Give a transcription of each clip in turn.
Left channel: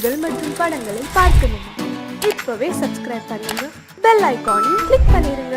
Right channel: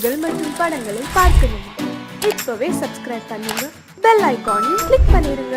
பாடல்கள் மற்றும் படங்களை பார்க்கணுமா? இப்பவே சப்ஸ்கிரைப் பண்ணுங்க, பெல் ஐகானையும் கிளிக் பண்ணிருங்க.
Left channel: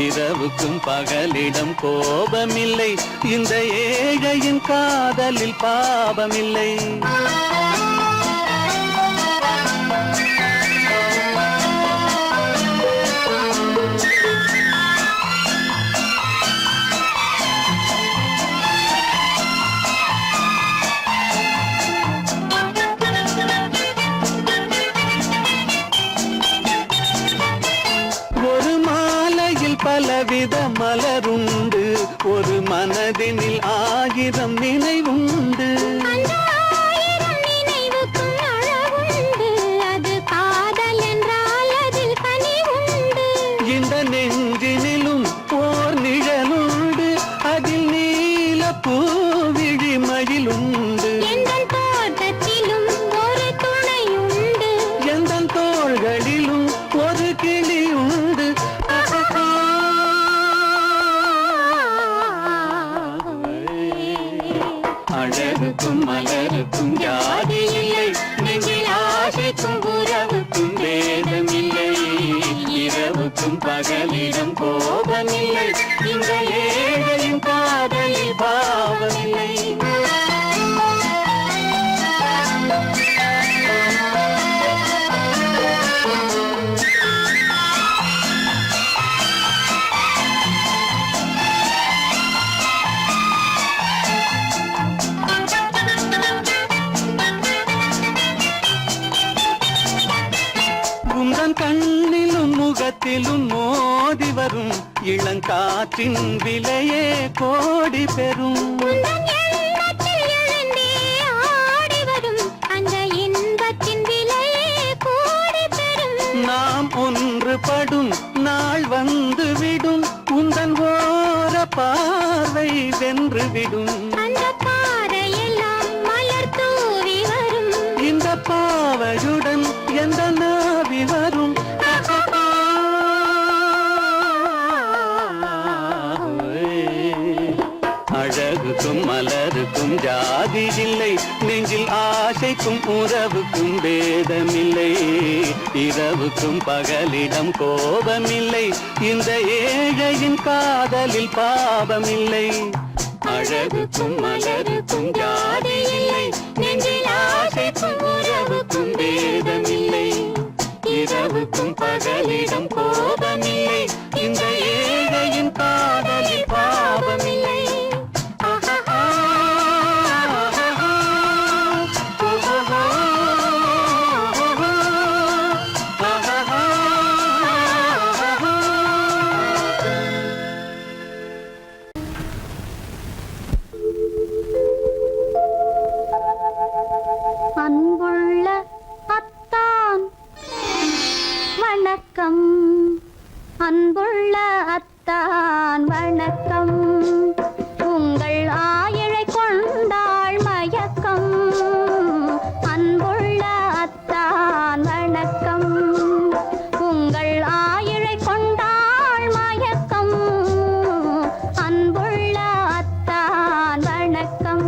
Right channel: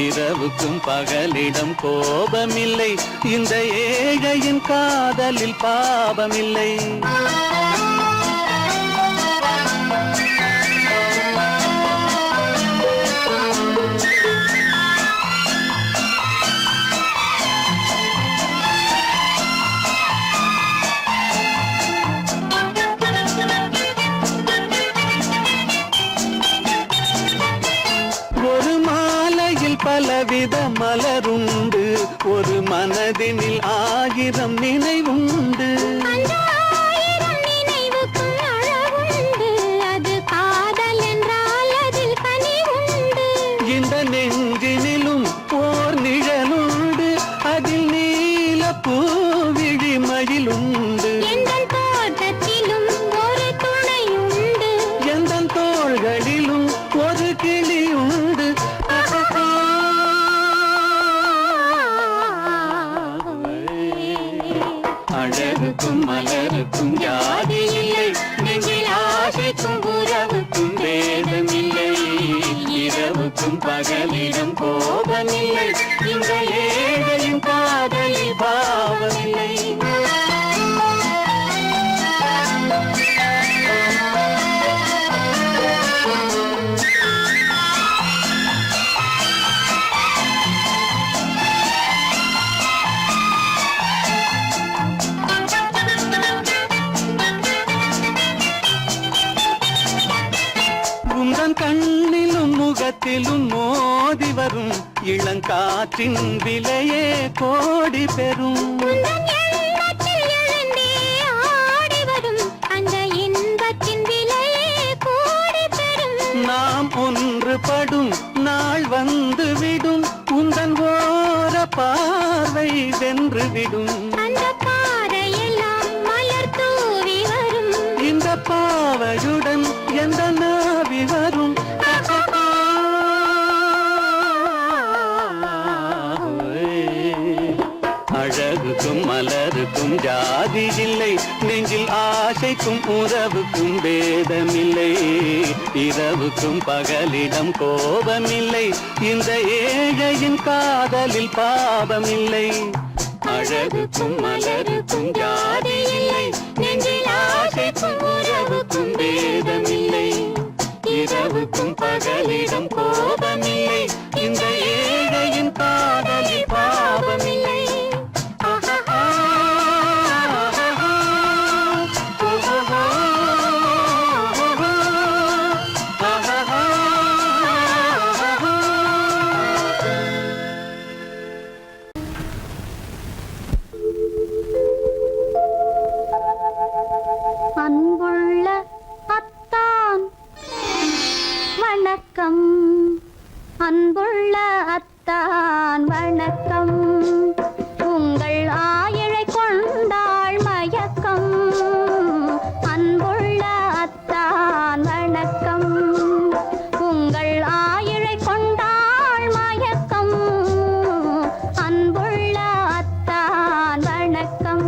இரவுக்கும் பகலிடம் கோபமில்லை, இந்த ஏழையின் காதலில் பாவமில்லை. கண்ணிலும் முகத்திலும் மோதி வரும் இளங்காற்றின் விலையே கோடி பெறும். நாம் ஒன்றுபடும் நாள் வந்துவிடும், உந்தன் ஓர பார்வை வென்றுவிடும். இந்த பாவையுடன் எந்த நாவி வரும். அழகுக்கும் மலருக்கும் ஜாதி இல்லை, நெஞ்சில் ஆசைக்கும் உறவுக்கும் வேதமில்லை. இரவுக்கும் பகலிடம் கோபமில்லை, இந்த ஏழையின் காதலில் பாவமில்லை. அழகுக்கும் மலருக்கும் ஜாதி இல்லை, நெஞ்சில் ஆசைக்கும் உறவுக்கும் வேதமில்லை. இரவுக்கும் பகலிடம் கோபமில்லை, இந்த ஏழையின் காதலில் பாவமில்லை. அன்புள்ள அத்தான் வணக்கம், அன்புள்ள அத்தான் வணக்கம். உங்கள் ஆயிழை கொண்டாள் மயக்கம். அன்புள்ள அத்தான் வணக்கம், உங்கள் ஆயிழை கொண்டாள் மயக்கம். அன்புள்ள அத்தான் வணக்கம்.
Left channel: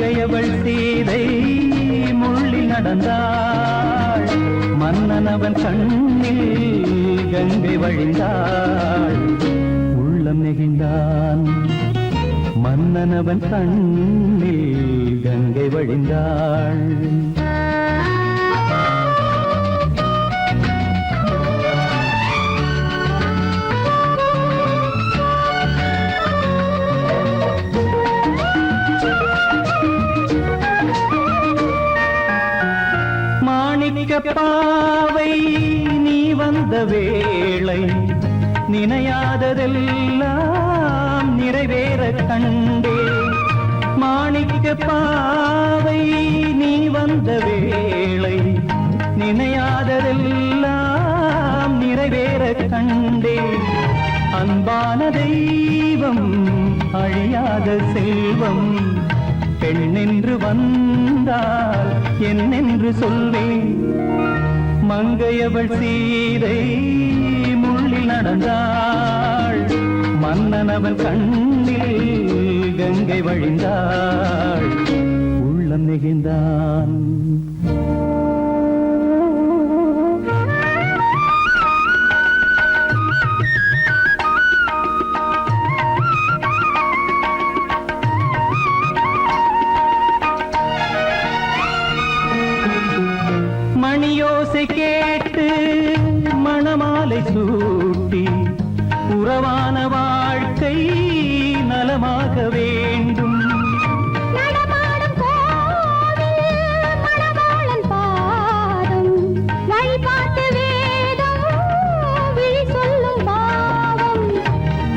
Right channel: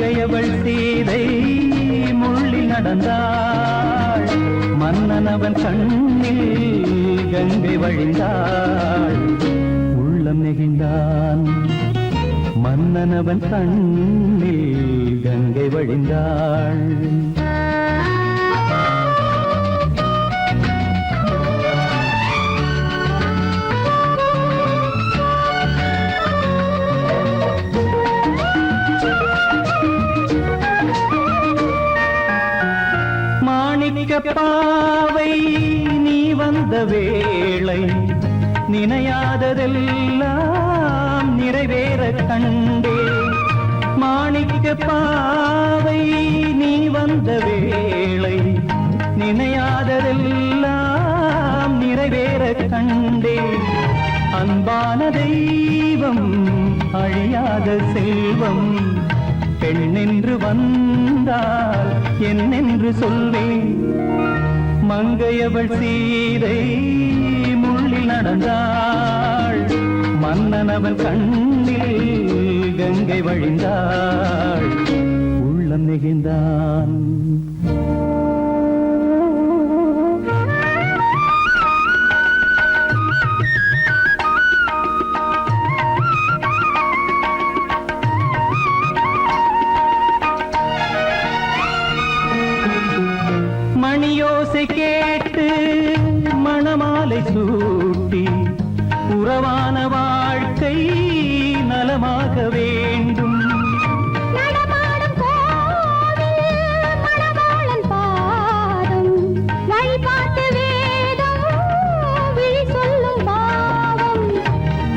மங்கையவள் சீதை முள்ளில் நடந்தாள், மன்னனவன் கண்ணில் கங்கை வழிந்தாள். உள்ளம் நெகிழ்ந்தான், மன்னனவன் கண்ணில் கங்கை வழிந்தாள். பாவை நீ வந்த வேளை நினையாததெல்லாம் நிறைவேற கண்டே. மாணிக்க பாவை நீ வந்த வேளை நினையாததெல்லாம் நிறைவேற கண்டே. அன்பான தெய்வம் அழியாத செல்வம் பெண்ணென்று வந்தால் என்னென்று சொல்வேன். மங்கையவள் சீதை முள்ளில் நடந்தாள், மன்னனவன் கண்ணில் கங்கை வழிந்தாள். உள்ளம் நெகிழ்ந்தான். மணியோசை கேட்டு மணமாலை சூட்டி உறவான வாழ்க்கை நலமாக வேண்டும். நடமாடும் கோவில் மணவாளன் பாதம், வழிபாட்டு வேதம் விழி சொல்லும் பாவம்.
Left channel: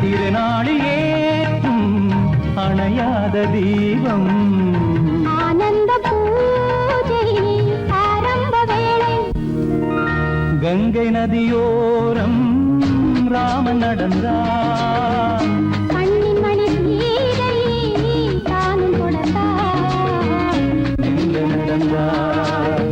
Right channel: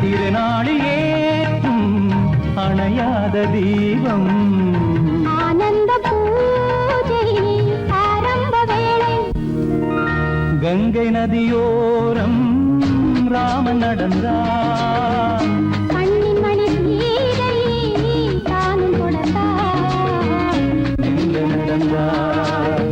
திருநாளில் ஏற்றும் அணையாத தீபம், ஆனந்த பூஜை ஆரம்ப வேளை. கங்கை நதியோரம் ராமன் நடந்தார், கண்ணின் மணி சீதை தானும் கொடுத்தார். எங்க நடந்தார்.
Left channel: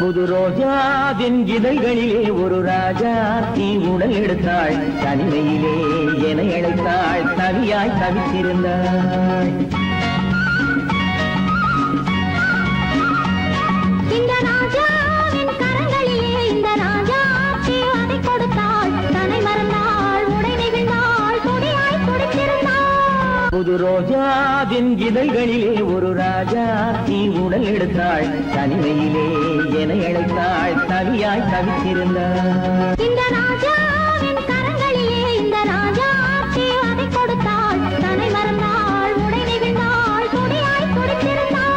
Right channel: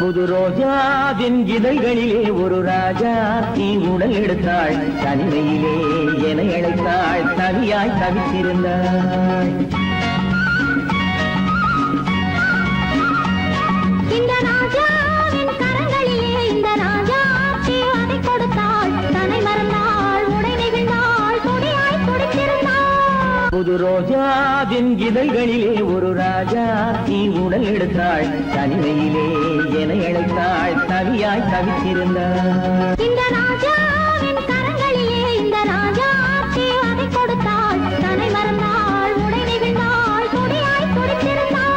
புது ரோஜாவின் இதழ்களிலே ஒரு ராஜா தீ உடல் எடுத்தாள், தனிமையிலே என அழைத்தாள், தவியாய் தவித்திருந்தாள். இந்த ராஜாவின் கரங்களிலே இந்த ராஜாக்கு அதை கொடுத்தாள், தன்னை மறந்தாள், உடை நெகிழ்ந்தாள், துடியாய் துடித்திருந்தாள். புது ரோஜாவின் இதழ்களிலே ஒரு ராஜா தீ உடல் எடுத்தாள், தனிமையிலே என அழைத்தாள், தவியாய் தவித்திருந்தாள். இந்த ராஜாவின் கரங்களிலே இந்த ராஜாக்கு அதை கொடுத்தாள், தன்னை மறந்தாள், உடை நெகிழ்ந்தாள், துடியாய் துடித்திருந்தாள்.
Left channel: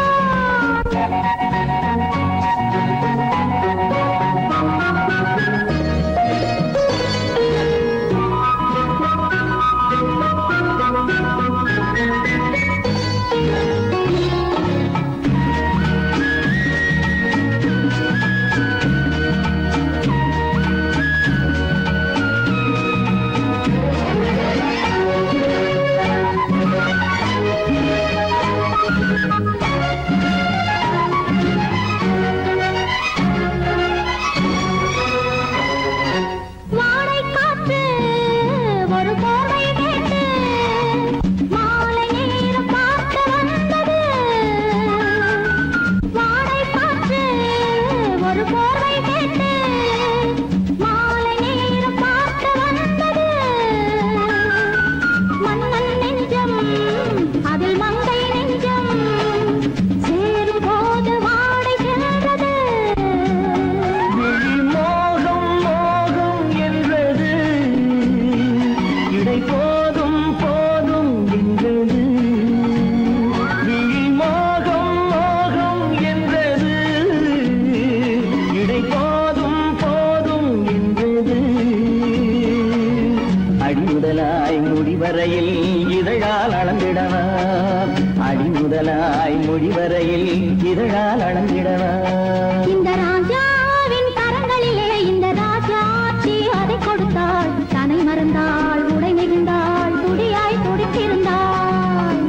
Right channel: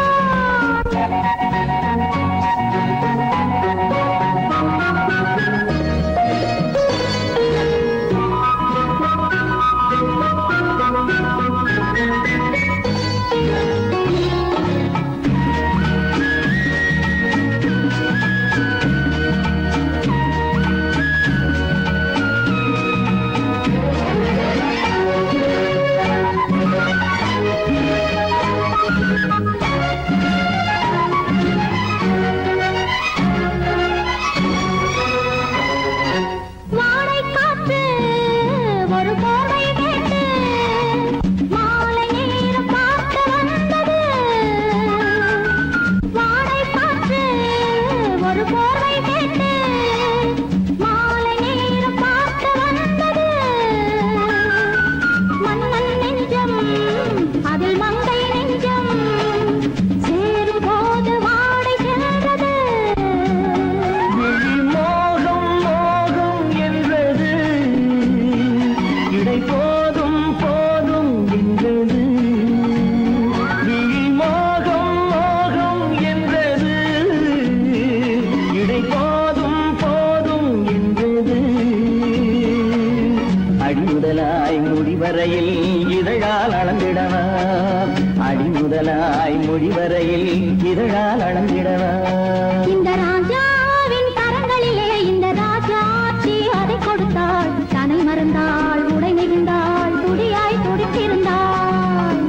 விடிவரையில் இதழால் அளந்திடவா இந்த ராஜாவின் கரங்களிலே இந்த ராஜாச்சி அதை கொடுத்தாள் தன்னை மறந்தாள் உடை நெகிழ்ந்தாள் துடியாய் துடித்திருந்தாள்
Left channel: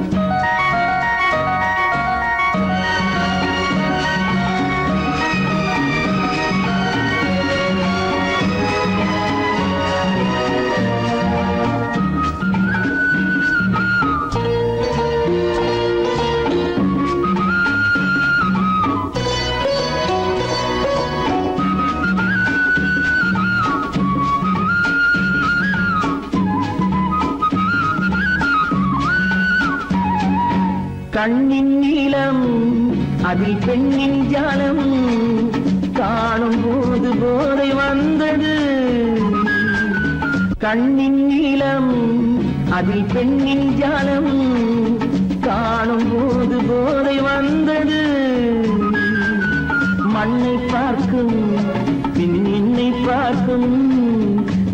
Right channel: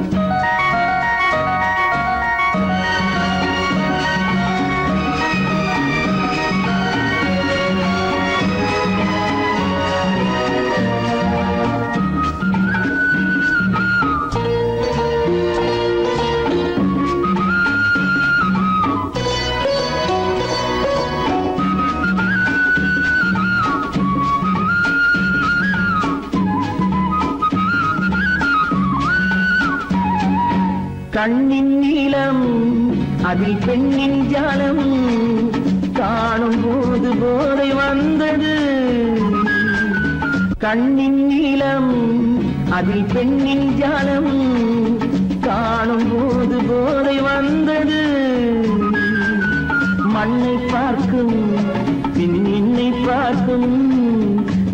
கண்ணின் நீளம் அதில் பெண்ணின் ஜாலம் காணும் போது போதை வந்தது கண்ணின் நீளம் அதில் பெண்ணின் ஜாலம் காணும் போது போதை வந்தது மண்ணை பார்க்கும் பின் என்னை பார்க்கும்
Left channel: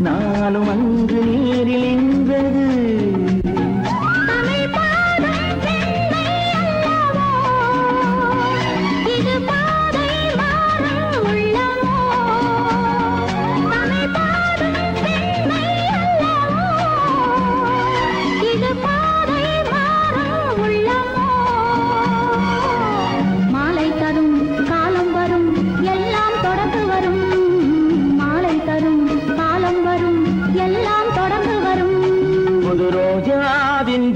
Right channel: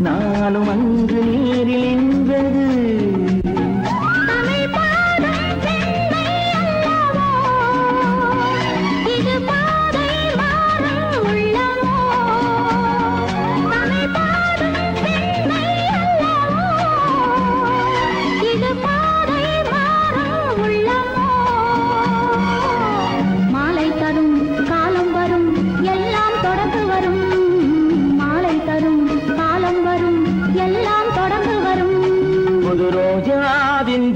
நானும் அங்கு நீரில் நின்றது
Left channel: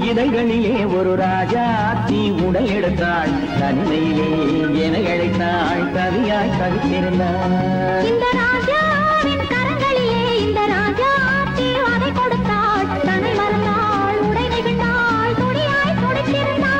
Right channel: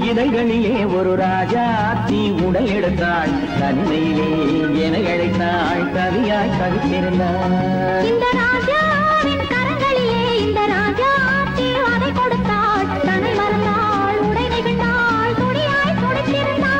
இதழ்களிலே ஒரு ராஜா தீ உடல் எடுத்தாள் தனிமையிலே என அழைத்தாள் கவியாய் கவித்திருந்தாள் இந்த ராஜாவின் கரங்களிலே இந்த ராஜாச்சி அதை கொடுத்தாள் தன்னை மறந்தாள் உடை நெகிழ்ந்தாள் துடியாய் துடித்திருந்தாள்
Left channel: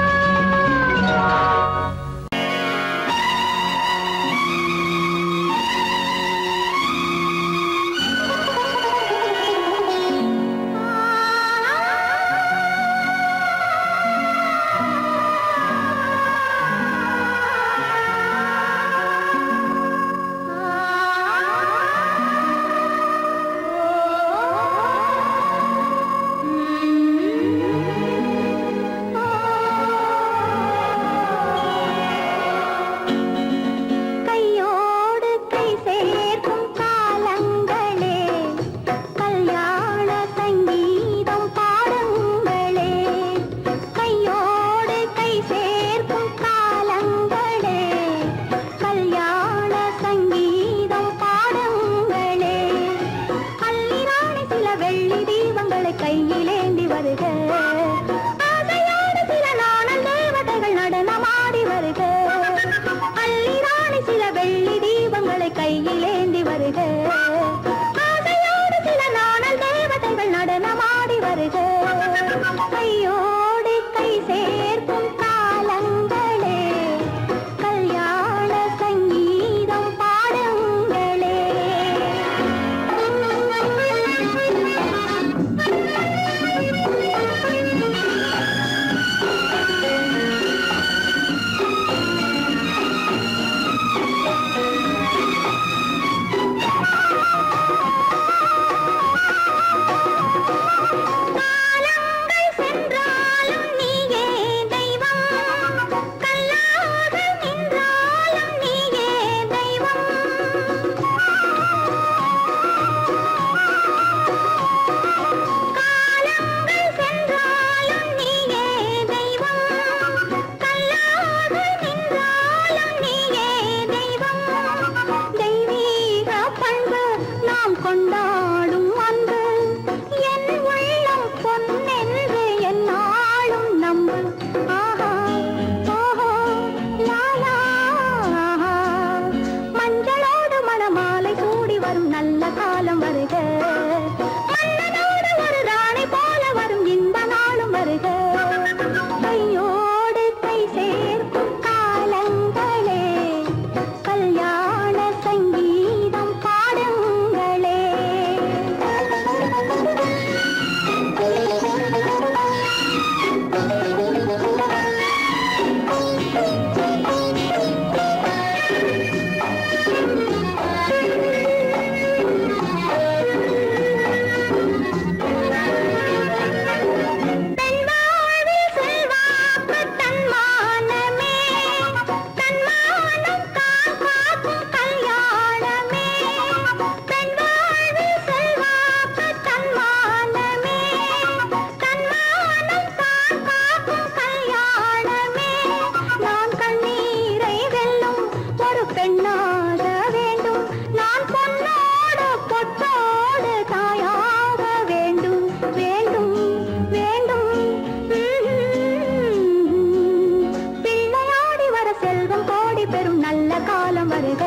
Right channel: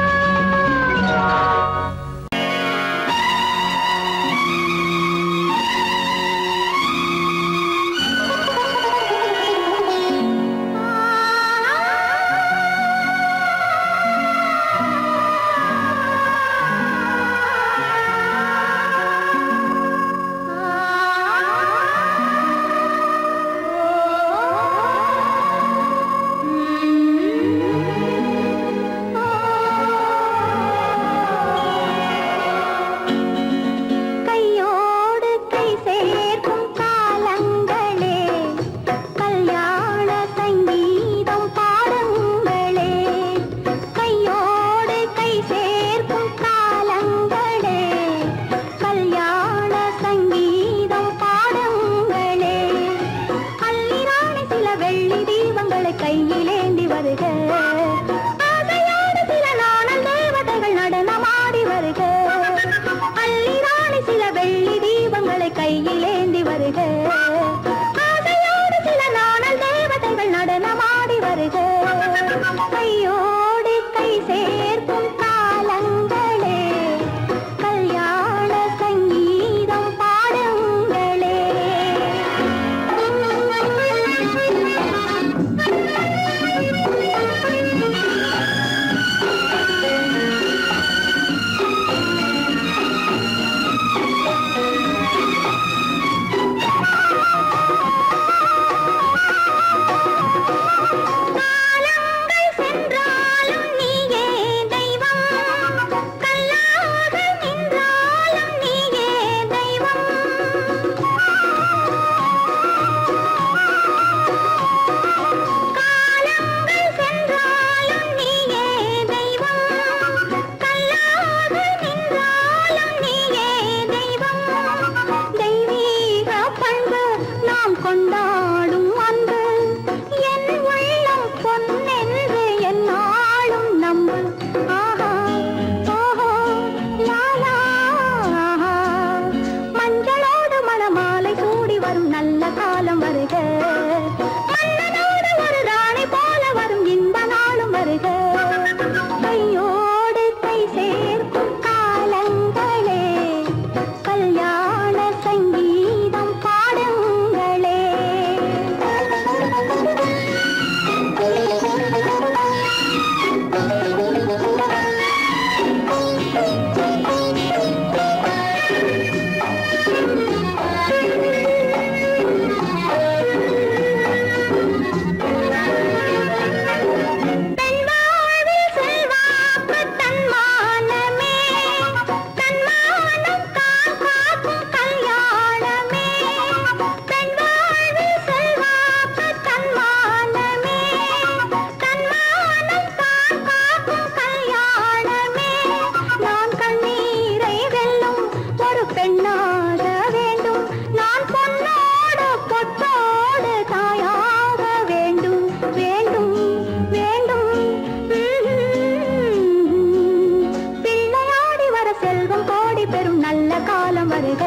வருக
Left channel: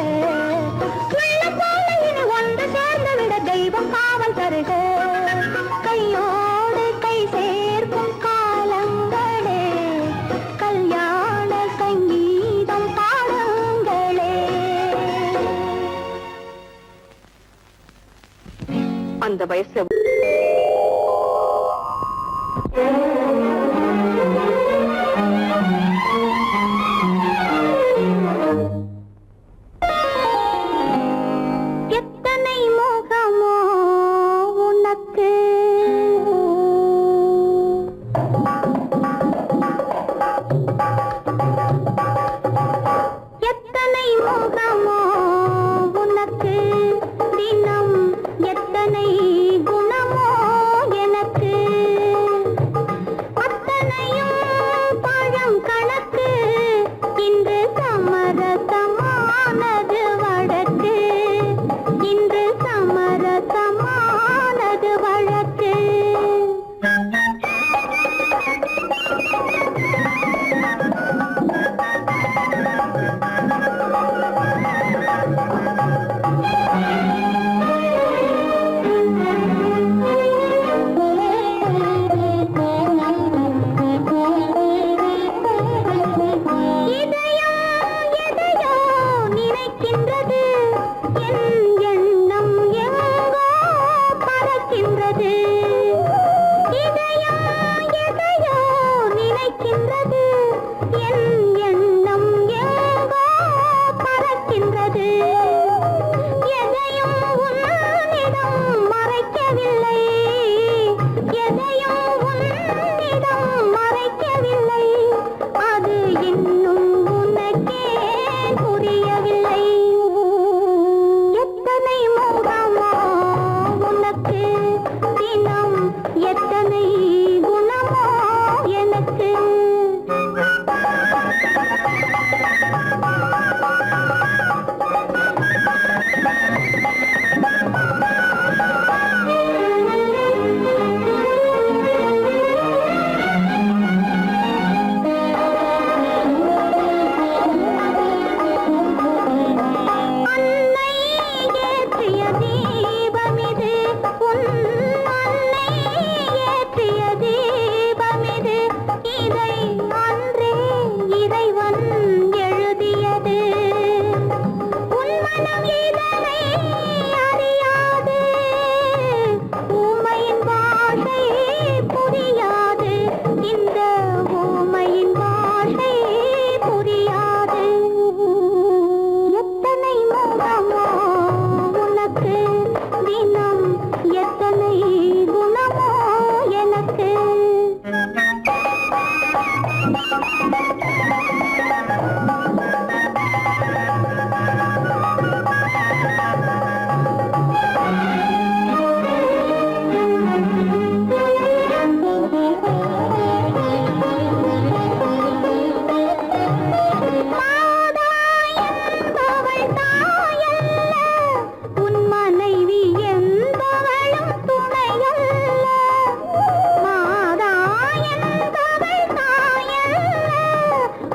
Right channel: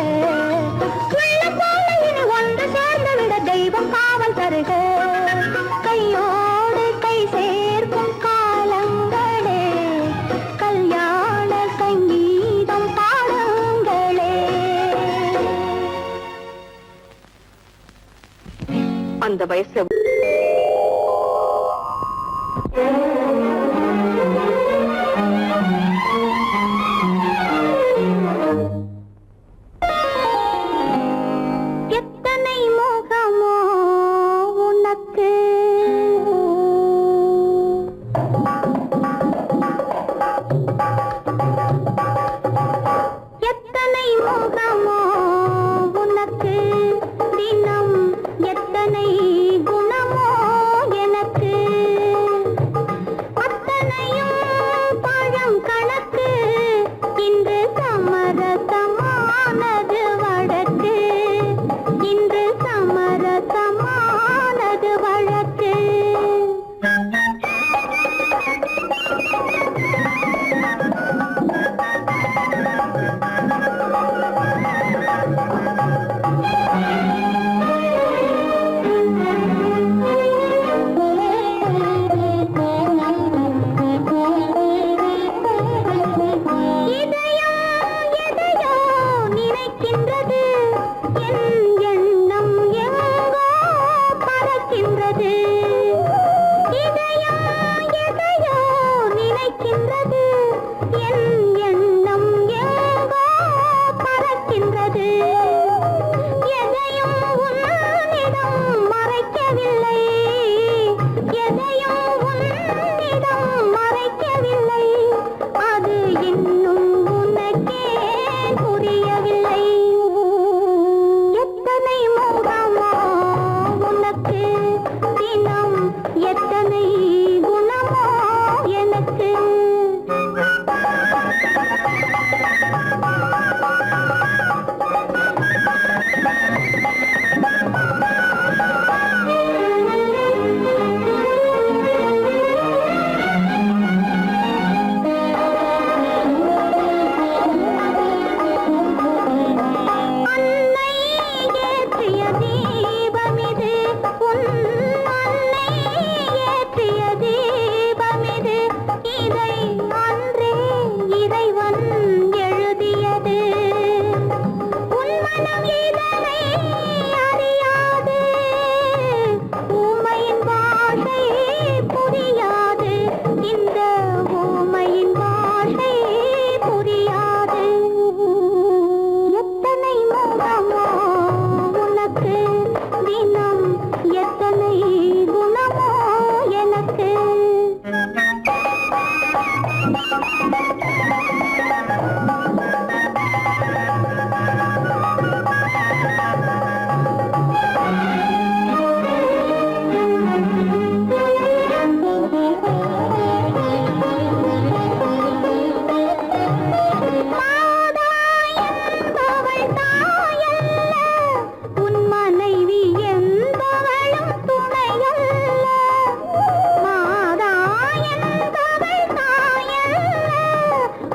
உள்ளம் போல இனி ஒன்று சேர்ந்து விட தெய்வம் காவல் தருக கையோடு கை சேர்க்கும் காலங்களே கல்யாண சங்கீதம் பாடுங்களே அந்த வயசுல எத்தனை மோகமோ உனக்கு எத்தனை மோகமோ உனக்கு தினம் எத்தனை குணமோ எனக்கு அத்தனையும் பழம் கணக்கு இன்று சமரசமானது வழக்கு இன்று சமரசமானது வழக்கு எதையோ நினைக்கின்றது என் எண்ணம் எங்கோ பறக்கின்றது எதையோ நினைக்கின்றது என் எண்ணம் எங்கோ பறக்கின்றது எதையும் உன்னிடம் மறைக்கவில்லை எதையும் உன்னிடம் மறைக்கவில்லை அது இன்னும் உனக்கே புரியவில்லை எத்தனை மோகமோ உனக்கு தினம் எத்தனை குணமோ எனக்கு அன்னை ஏற்றிய தீபமிது உன் அன்னை ஏற்றிய தீபமிது இதை அன்றே இறைவன் எழுதியது உன் மனம் இதனை அறியாது ஊமையின் பாஷை புரியாது இந்த ஊமையின் பாஷை புரியாது எத்தனை மோகமோ உனக்கு தினம் எத்தனை குணமோ எனக்கு மாதா என்பவள் தாயல்ல உன் மனைவி என்பவளும் துணையல்ல மாதா என்பவள் தாயல்ல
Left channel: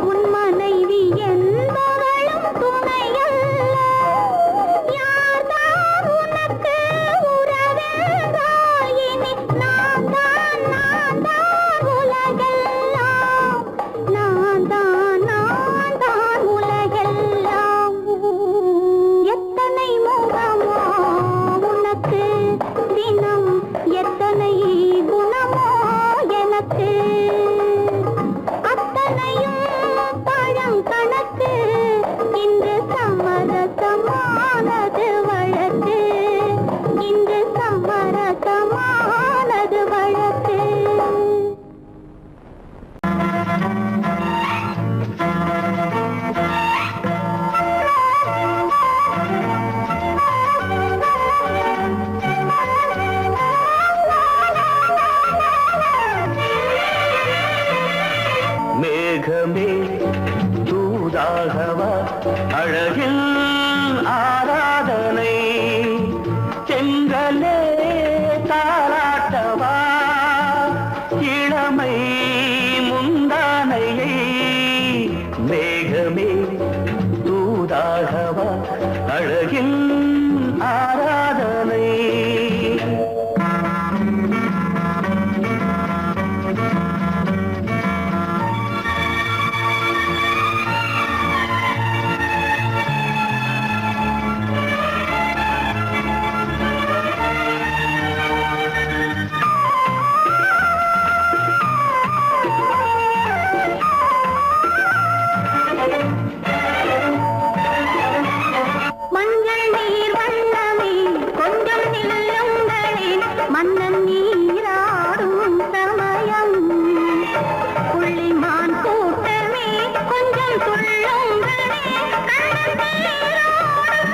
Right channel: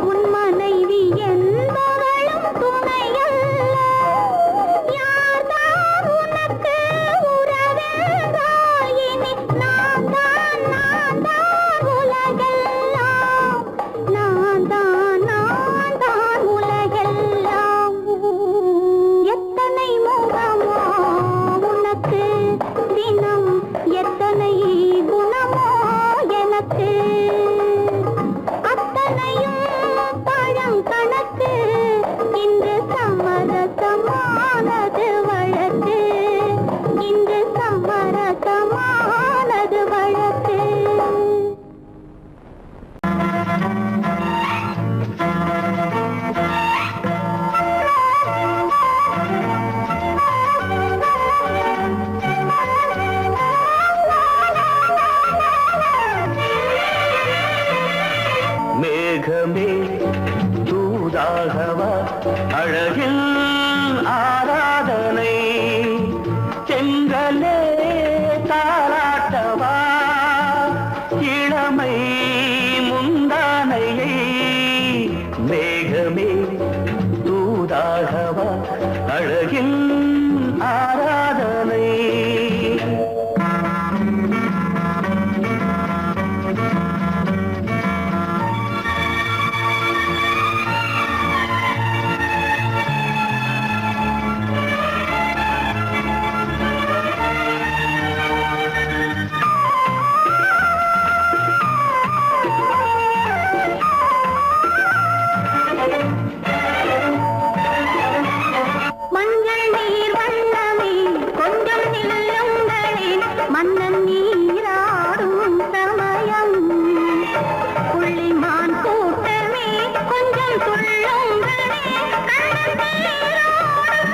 உன் மனைவி என்பவளும் துணையல்ல யார்தான் உனக்கு உறவென்றால் இனி நான் தான் உலகெல்லாம் நான் தான் உலகெல்லாம் எத்தனை மோகமோ உனக்கு தினம் எத்தனை குணமோ எனக்கு அத்தனையும் பழம் கணக்கு இன்று சமரசமானது வழக்கு இன்று சமரசமானது வழக்கு மேகமே தூதாகவா அழகில் ஆராதனை செங்கலே தாராட்டவா இளமை முந்தானையை மேகமே தூதாகவா அழகின் ஆராதனை மஞ்சள் நீர் வண்ணமே கொஞ்சம் நில்லுங்களேன் மன்னன் நீராடும் சமயம் புள்ளிமான் கூட்டமே கொஞ்சம் துள்ளுங்களே கண்ணன் நீராடும்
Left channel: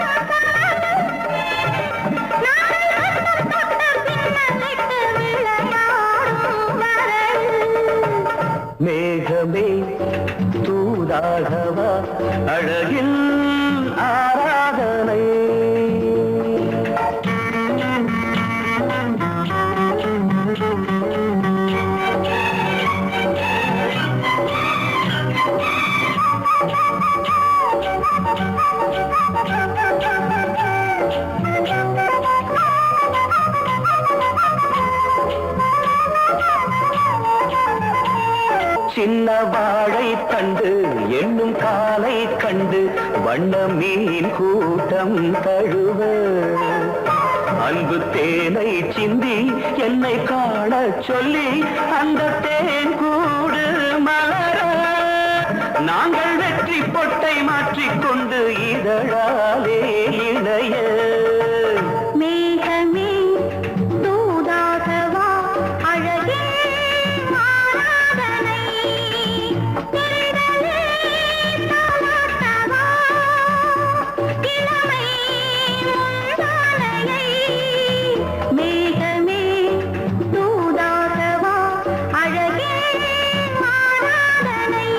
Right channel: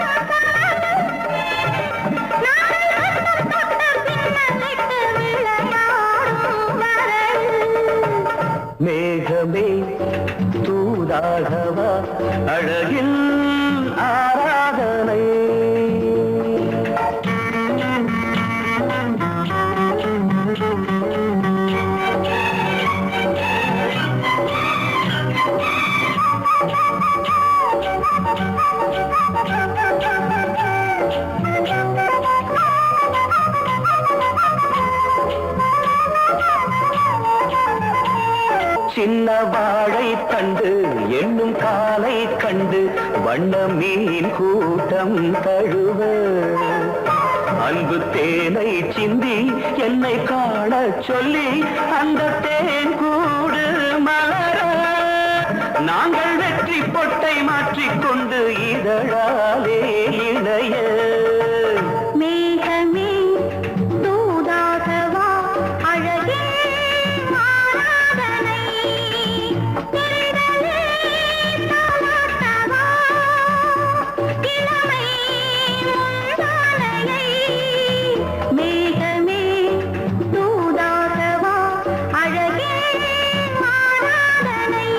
பின்னலிட்டு விளையாடும் வரல் மேகமே தூதாகவா அழகில் ஆராதனை சின்ன வாழை தண்டு என்னும் காலை கண்டு வண்ண மீன் கூட்டம் தழுவ அன்பு தேனை சிந்தி என்னை காண சொல்லி அந்த தேன் கூடு மலர நாங்கள் வெற்றி பொட்டை மாற்றிக்கொண்டு இதழாலே இணைய மேகமே தூதாகவா அழகே ஆராதனை திரளே தாலாட்டவா இளமை முந்தானையை மேகமே தூதாகவா அழகே ஆராதனை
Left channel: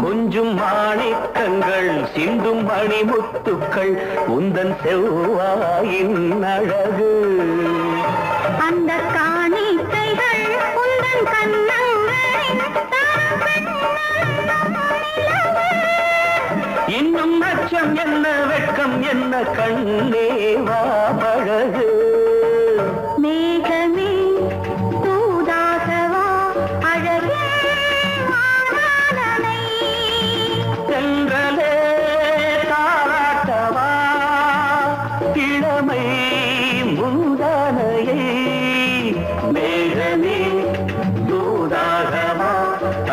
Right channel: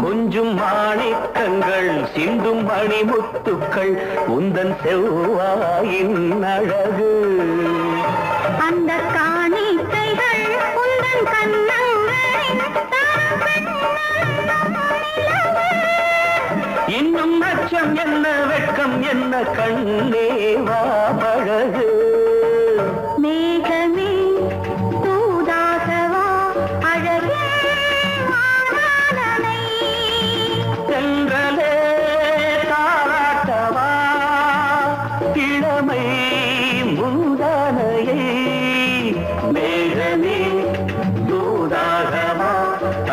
கொஞ்சும் மாணிக்கங்கள் சிந்தும் மணிமுத்துக்கள் உந்தன் செவ்வாயின் அழகு அந்த காணிக்கைகள் உந்தன் கண்ணங்களின் இன்னும் அச்சம் என்ன வெட்கம் என்ன கண்ணே வா பழகு மேகமே தூதாகவா அழகே ஆராதனை சென்றலே தாராட்டவா இளமை முந்தானையை மேகமே தூதாகவா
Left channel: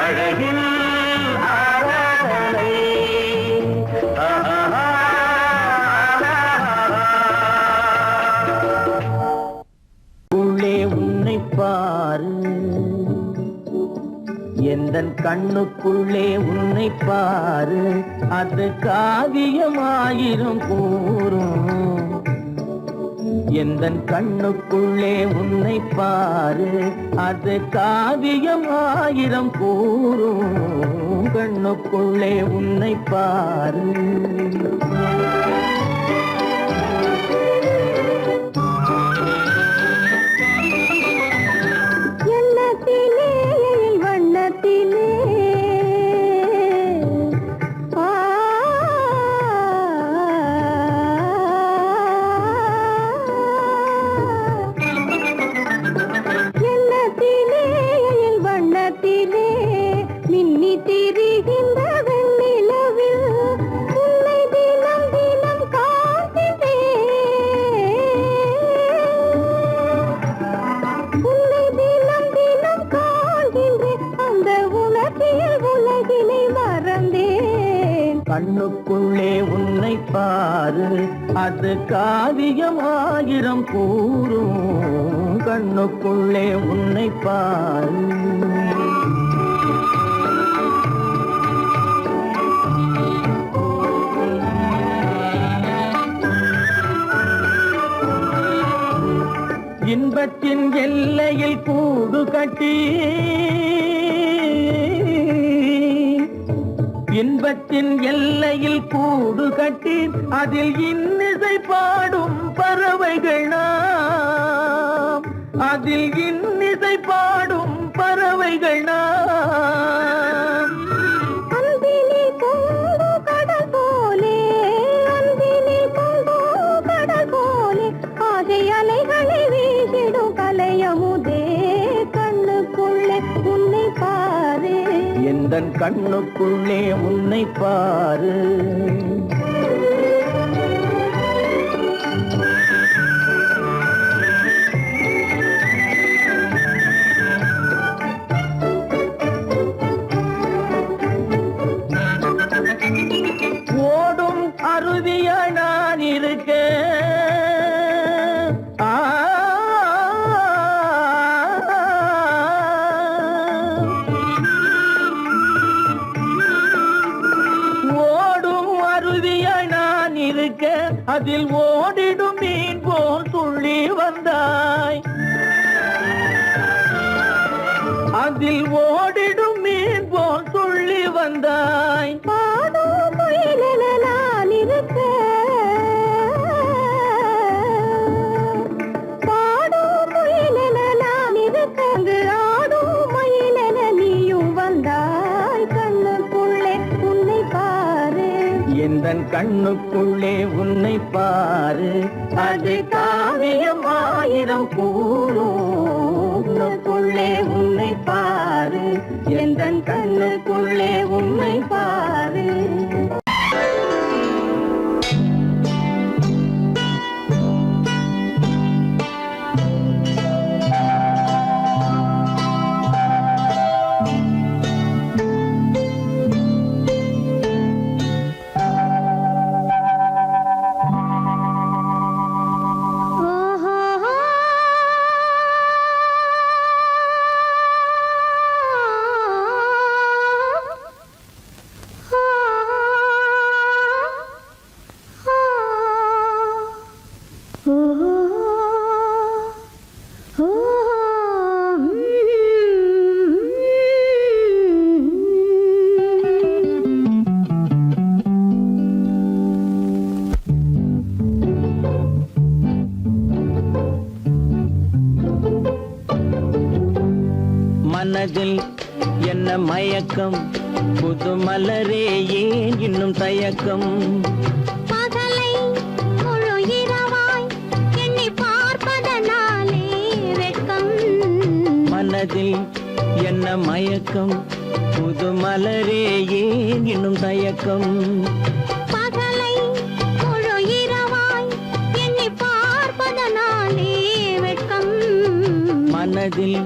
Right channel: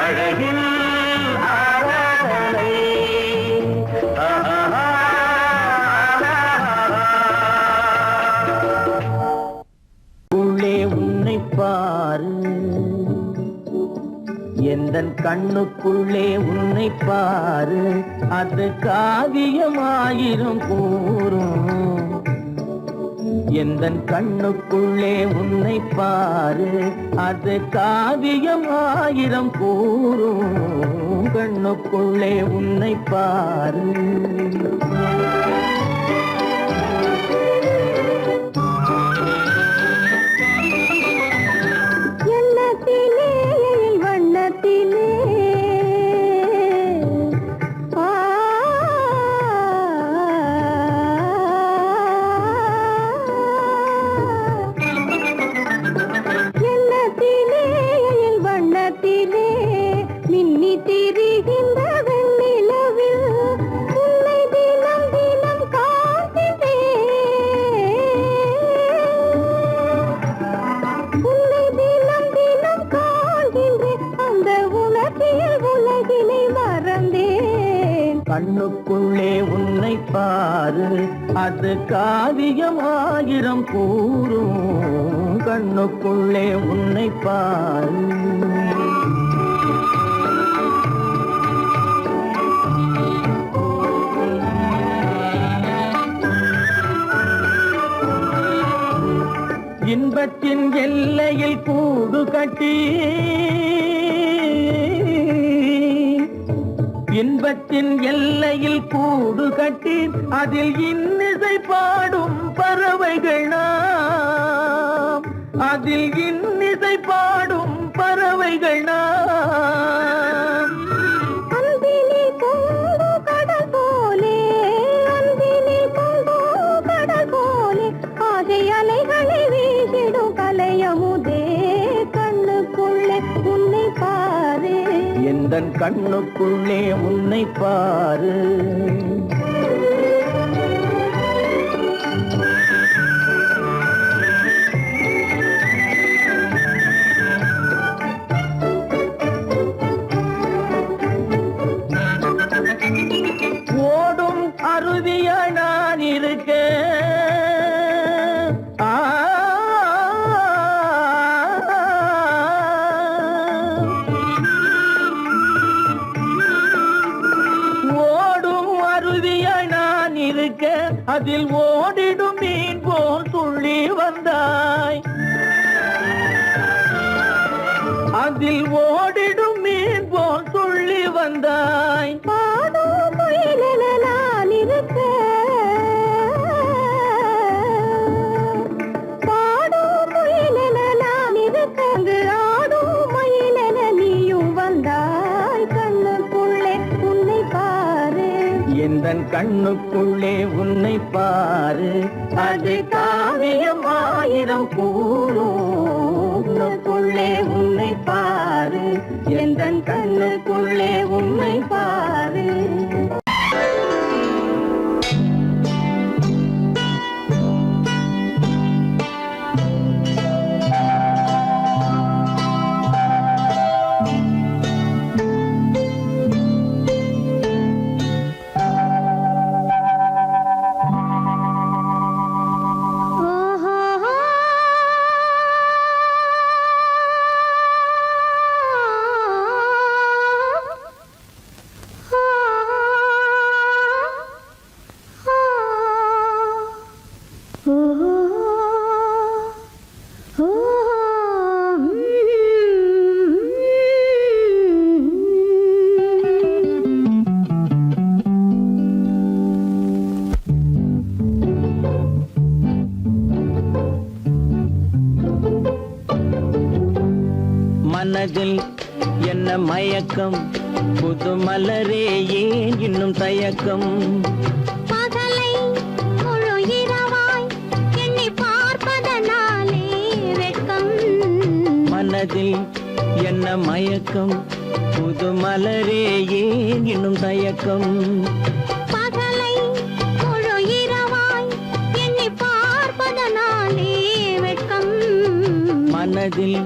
அழகில் ஆராதனை உள்ளே உன்னை பாரு எந்தன் கண்ணுக்குள்ளே உன்னை பாரு அது காவியமாயிரும் கூறும் எந்தன் கண்ணுக்குள்ளே உன்னை பாரு அது காவியமாயிரம் கூறும் கண்ணுக்குள்ளே உன்னை பாரு எண்ணத்திலே வண்ணத்திலே எண்ணத்திலே வண்ணத்திலே மின்னி திரிகின்ற வெண்ணிலவில் உன்னை தினம் தினம் காண்கிறேன் உன்னை தினம் தினம் காண்கின்றேன் அந்த உணர்ச்சியில் உலகினை மறந்தேன் கண்ணுக்குள்ளே உன்னை பாரு அது காவியமாயிரம் கூறும் கண்ணுக்குள்ளே உன்னை பாரு இன்பத்தின் எல்லையில் கூடு கட்டி இன்பத்தின் எல்லையில் கூடு கட்டி அதில் இன்னிசை பாடும் பறவைகள் நாம் அதில் இன்னிசை பாடும் பறவைகள் நாம் அன்பிலே பொங்கு கடல் போலே அன்பிலே பொங்கு கடல் போலே ஆசை அலைகளை வீசிடும் கலையமுதே கண்ணுக்குள்ளே உன்னை பாரு எந்தன் கண்ணுக்குள்ளே உன்னை பாரு ஓடும் அருவியா நான் இருக்க ஓடும் அருவியா நான் இருக்க அதில் ஓடிடும் மீன் போல் துள்ளி வந்தாய் அதில் ஓடிடும் மீன் போல் துள்ளி வந்தாய் பாடும் முயலென நான் இருக்க பாடும் முயலென நான் இருக்க அங்கு ஆடும் மயிலென நீயும் வந்தாய் கண்ணுக்குள்ளே உன்னை பாரு எந்தன் கண்ணுக்குள்ளே உன்னை பாரு அது காவியம் ஆயிரம் கூறுக்குள்ளே உன்னை பாரு எந்தன் கண்ணுக்குள்ளே உன்னை பாரு மனதில் என்ன மயக்கம் புது மலரே ஏன் இன்னும் தயக்கம் பகலை முழு இரவாய் எண்ணி பார்ப்பதனாலே வெட்கம் மனதில் என்ன மயக்கம் புது மலரே ஏன் இன்னும் தயக்கம் பகலை முழு இரவாய் எண்ணி பார்ப்பதனாலே வெட்கம் மனதில்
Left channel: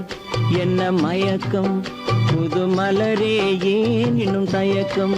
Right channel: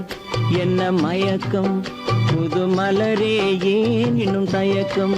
என்ன மயக்கம் புது மலரே ஏன் இன்னும் தயக்கம்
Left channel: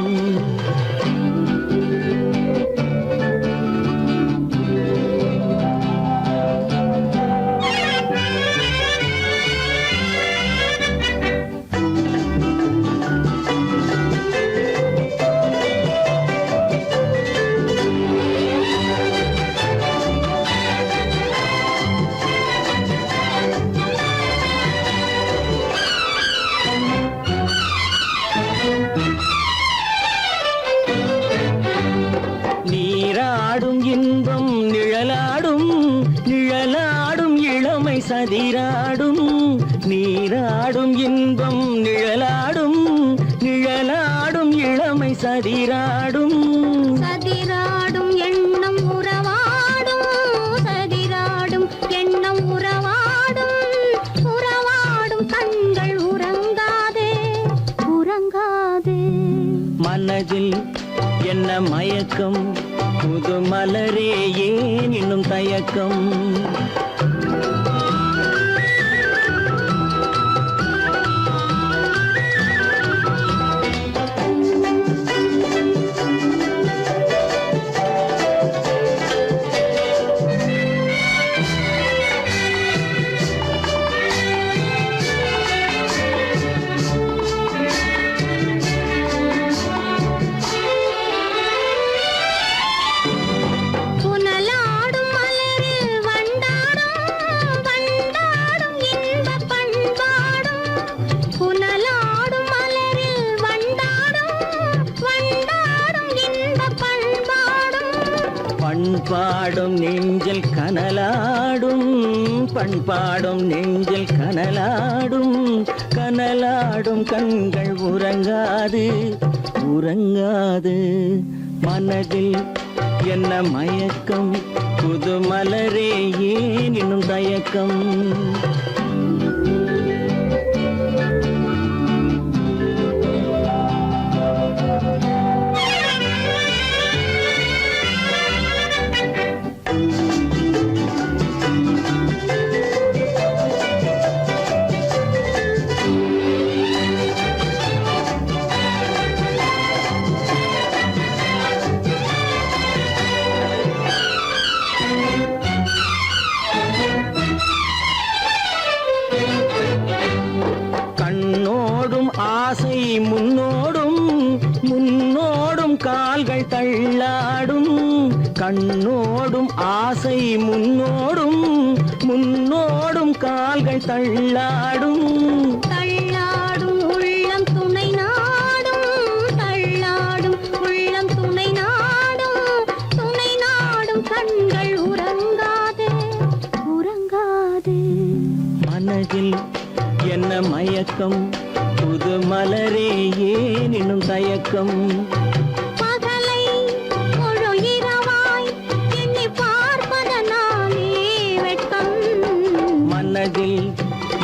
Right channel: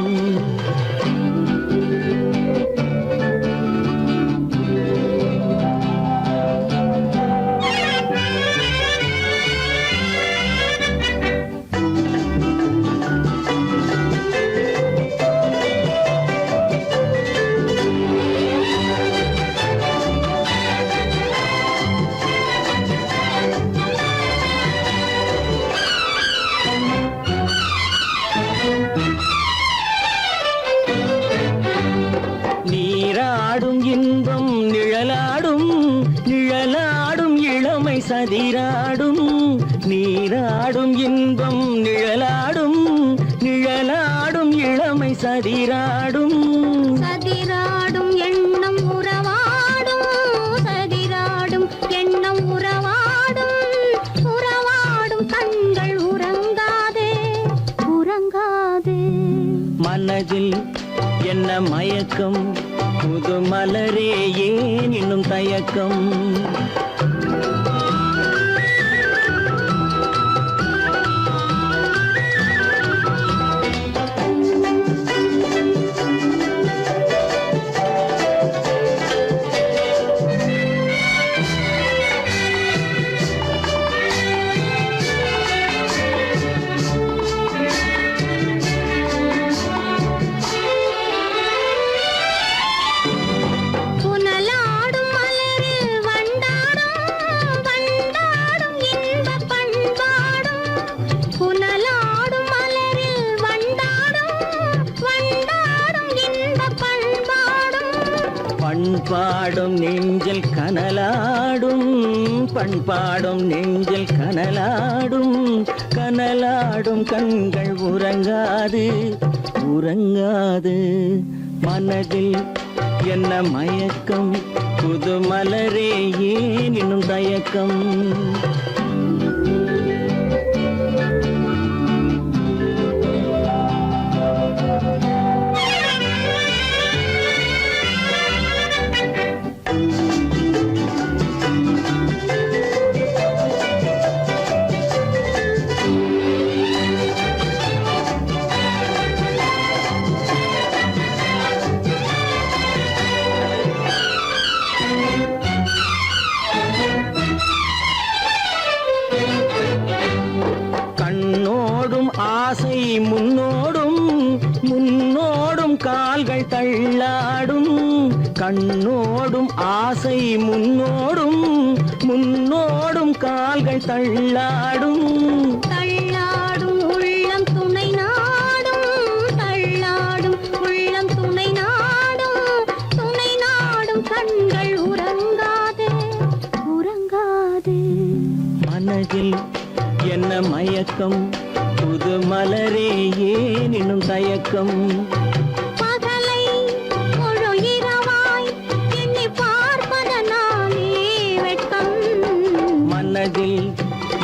நீராடும் இன்பம் நிழலாடும் நிழலாடும் இளமை சதிராடும் நீராடும் இன்பம் நிழலாடும் நிழலாடும் இளமை சதிராடும் சதிராடும் எண்ணம் உறவாடும் சதிராடும் எண்ணம் உறவாடும் உறவாடும் கண்கள் உறங்காதே உறங்காதே மனதில் என்ன மயக்கம் புது மலரே ஏன் இன்னும் தயக்கம் புனலாடும் மலரில் வண்டாடும் பண்பாடும் நெஞ்சில் கனலாடும், பண்பாடும் நெஞ்சில் கனலாடும், கனலாடும் கண்கள் உறங்காது உறங்காது. மனதில் என்ன மயக்கம், புது மலரே ஏன் இன்னும் தயக்கம். ஆசை முன்னோடும் முன்னோடும் கால்கள் தள்ளாடும், கண்ணோடும் ஆசை முன்னோடும் முன்னோடும் கால்கள் தள்ளாடும். தள்ளாடும் உள்ளம் துணை நாடும், தள்ளாடும் உள்ளம் துணை நாடும், துணை நாடும் கண்கள் உறங்காது உறங்காது. மனதில் என்ன மயக்கம், புது மலரே ஏன் இன்னும் தயக்கம். பகலை முழு இரவாய் எண்ணி பார்ப்பதனாலே வெட்கம். மனதில்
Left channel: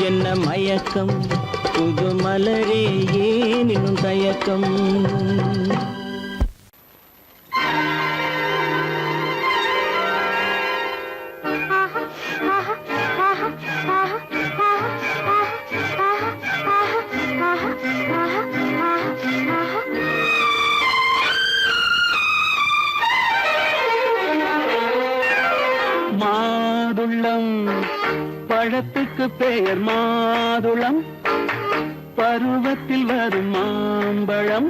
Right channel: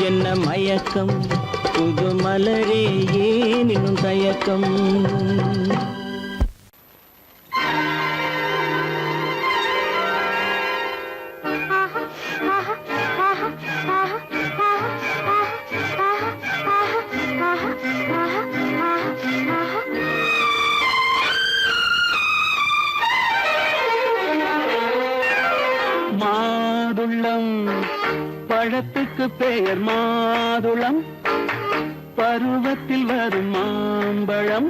என்ன மயக்கம், புது மலரே ஏன் இன்னும் தயக்கம். மாதுளம் பழத்துக்கு பெயர் மாதுளம், பருவத்தில் வரும் மாம்பழம்,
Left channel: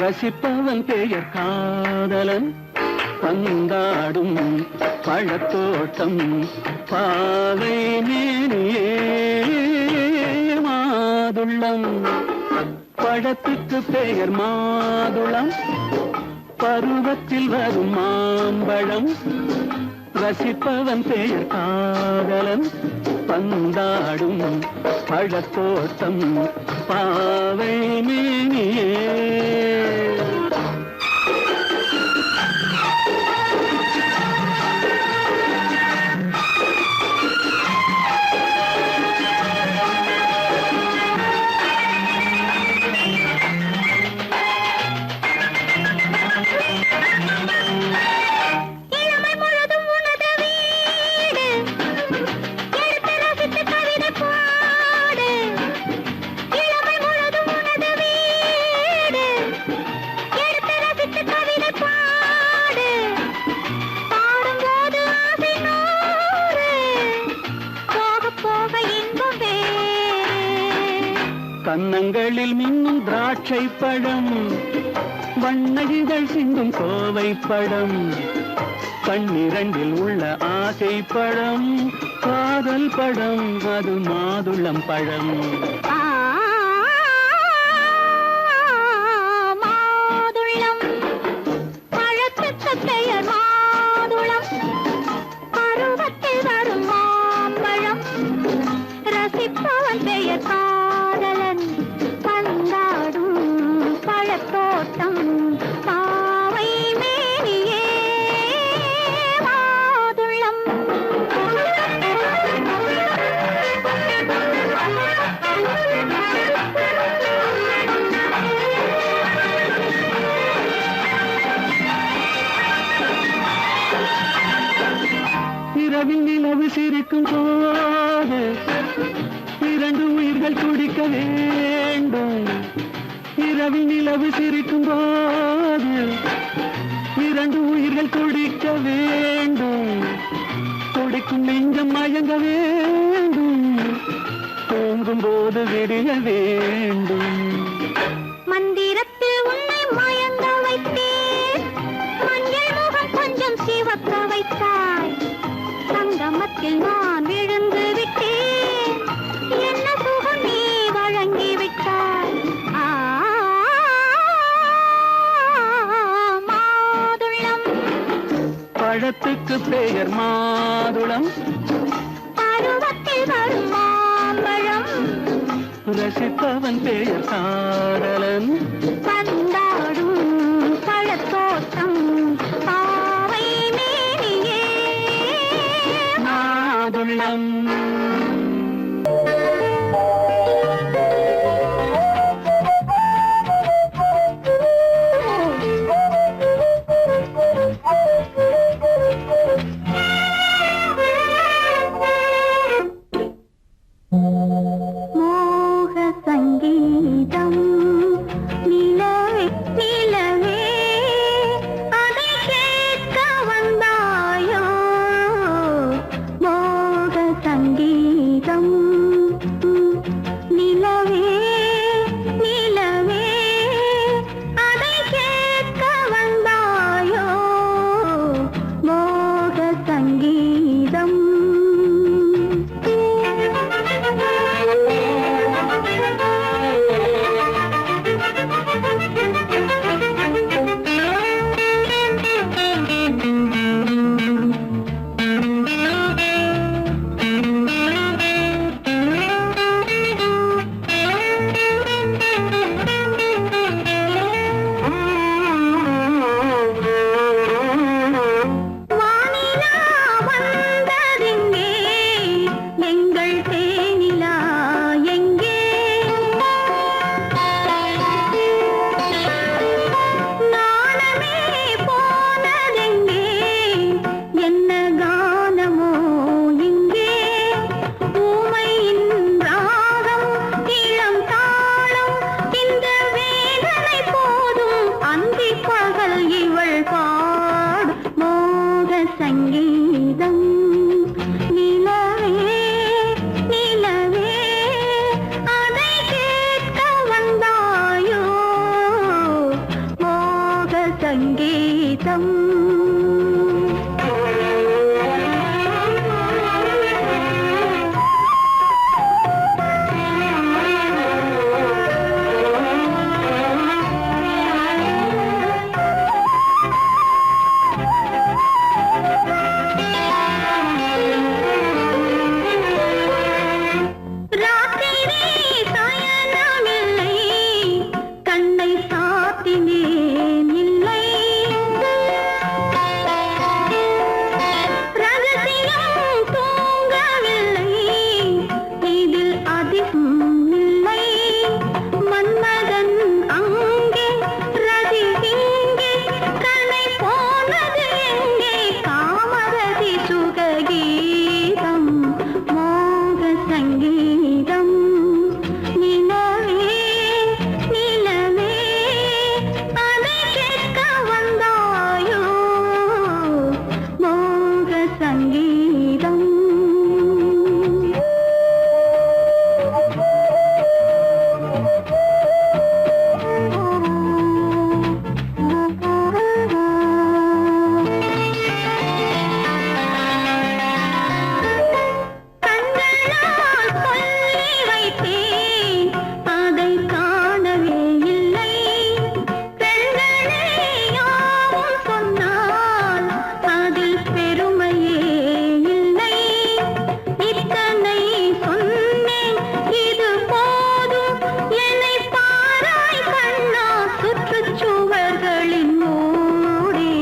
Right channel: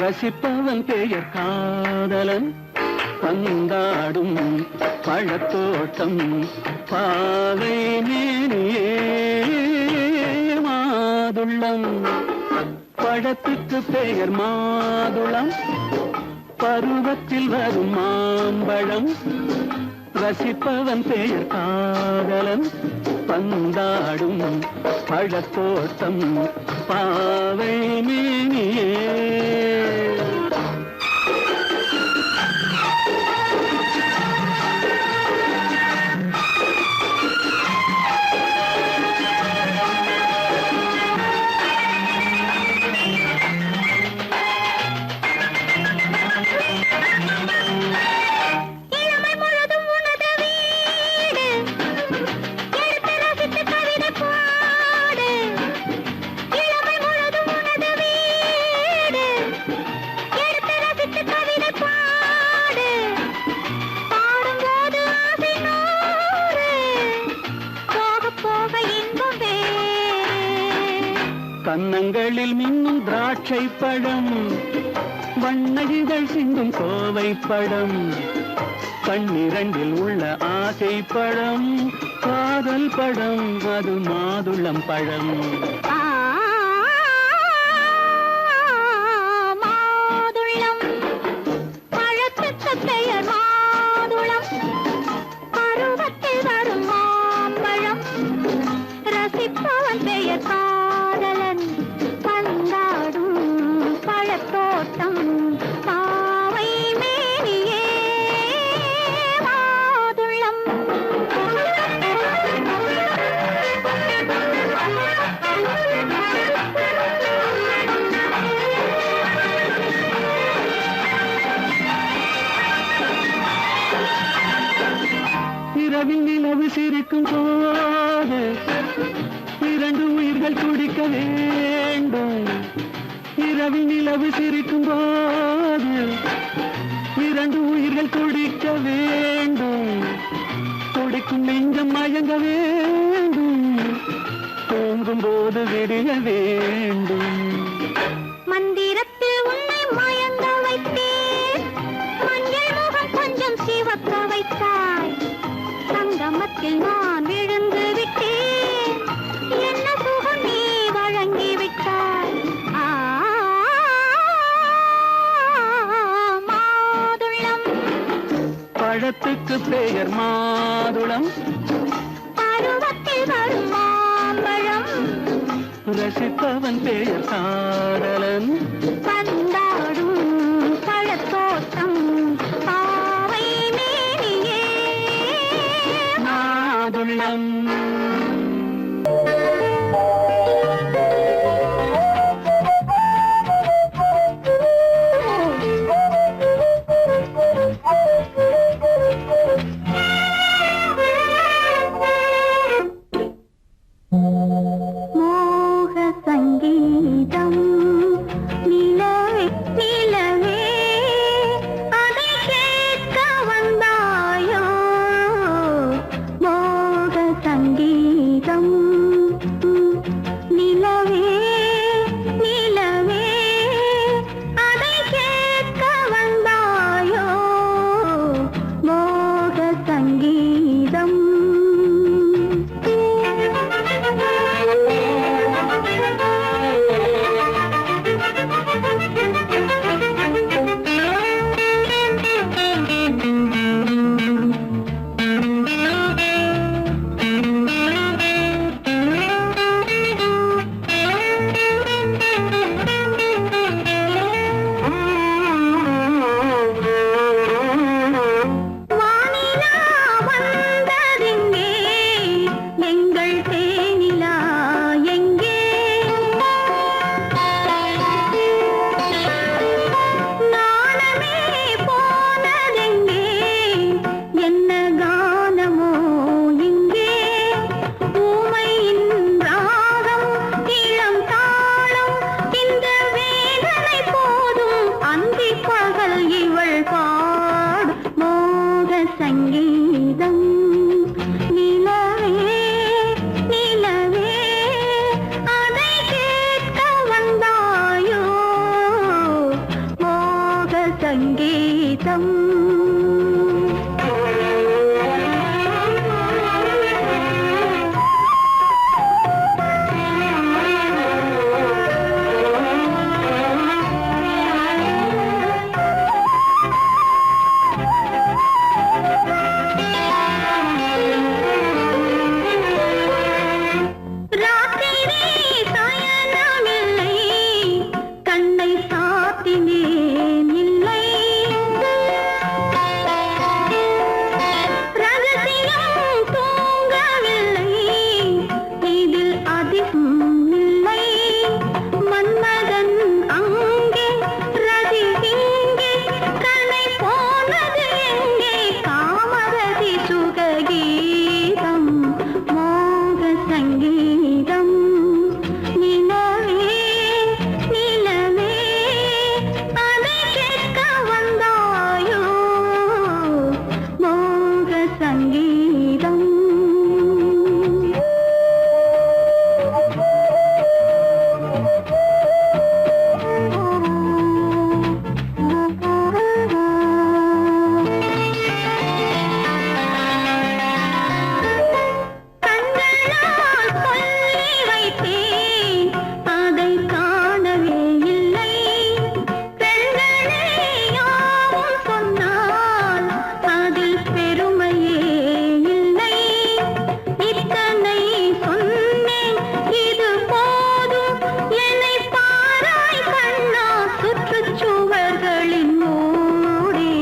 ரசிப்பவன் பெயர் காதலன். பந்தாடும் பழத்தோட்டம் பாவை மேனியே. மாதுளம் பழத்துக்கு பெயர் மாதுளம், பருவத்தில் வரும் மாம்பழம், ரசிப்பவன் பெயர் காதலன். பந்தாடும் பழத்தோட்டம் பாவை மேனியே. கன்னங்களில் மின்னும் திராட்சை பழம், வண்ண இதழ் சிந்தும் கோவை பழம், கண்ணிரண்டில் உள்ள ஆசை பழம், காதல் பழம், அது மாதுளம் பழம். மாதுளம் பழத்துக்கு பெயர் மாதுளம், பருவத்தில் வரும் மாம்பழம், ரசிப்பவன் பெயர் காதலன். பந்தாடும் பழத்தோட்டம் பாவை மேனியே. மாதுளம் இரவில் நிலவு சிரிக்கும் போது இரண்டு உயிர்கள் துடிக்க வேண்டும். இரவில் நிலவு சிரிக்கும் போது இரண்டு உயிர்கள் துடிக்க வேண்டும். துடிக்கும் நெஞ்சம் மயங்க வேண்டும், தூங்கும் போது விடிய வேண்டும். மந்திரத்தில் உன்னை மயங்க வைத்தேன், மஞ்சள் முகம் கொஞ்சம் சிவக்க வைத்தாய். சங்கமத்தில் நான் விழுந்து விட்டேன், என்ன சுகம் நீ வழங்கி விட்டாய். மாதுளம் பழத்துக்கு பெயர் மாதுளம், பருவத்தில் வரும் மாம்பழம், ரசிப்பவன் பெயர் காதலன், பந்தாடும் பழத்தோட்டம் பாவை மேனியே மாதுளம். மோக சங்கீதம் நிலவே நிலவே அதை கேட்க வந்தாயோ, மோக சங்கீதம் நிலவே நிலவே அதை கேட்க வந்தாயோ, மோக சங்கீதம். வானிலா வந்ததெங்கே, எங்கள் தேனிலா எங்கே, நாணமே போனதெங்கே, என்ன கானமோ இங்கே, ஊமையின் ராகம் இளம் தாளம், இந்த வேதனை போதும் அந்தி பகல் இவள் பாடும் மோக சங்கீதம். நிலவே நிலவே அதை கேட்க வந்தாயோ, மோக சங்கீதம். ராத்திரி சயனமில்லை, கண்ணை சாத்தினேன் இல்லை, ரகசியம் தூங்கவில்லை, இதில் அதிகம் இல்லை, மன்மதன் அங்கே ரதி இங்கே, கண்ணை போனது எங்கே, காமரதி சுககீதம் மோக சங்கீதம். நிலவே நிலவே அதை கேட்க வந்தாயோ, மோக சங்கீதம். கண்களால் சொல்லி வைத்தேன், அதை காணவே இல்லை, பெண்களே யாவும் சொன்னால் அதில் பெருமையே இல்லை, இத்தனை சொன்னேன் இது போதும், என்னை பாராய் கண்ணா சுற்றுச்சுவர்களின் மூடி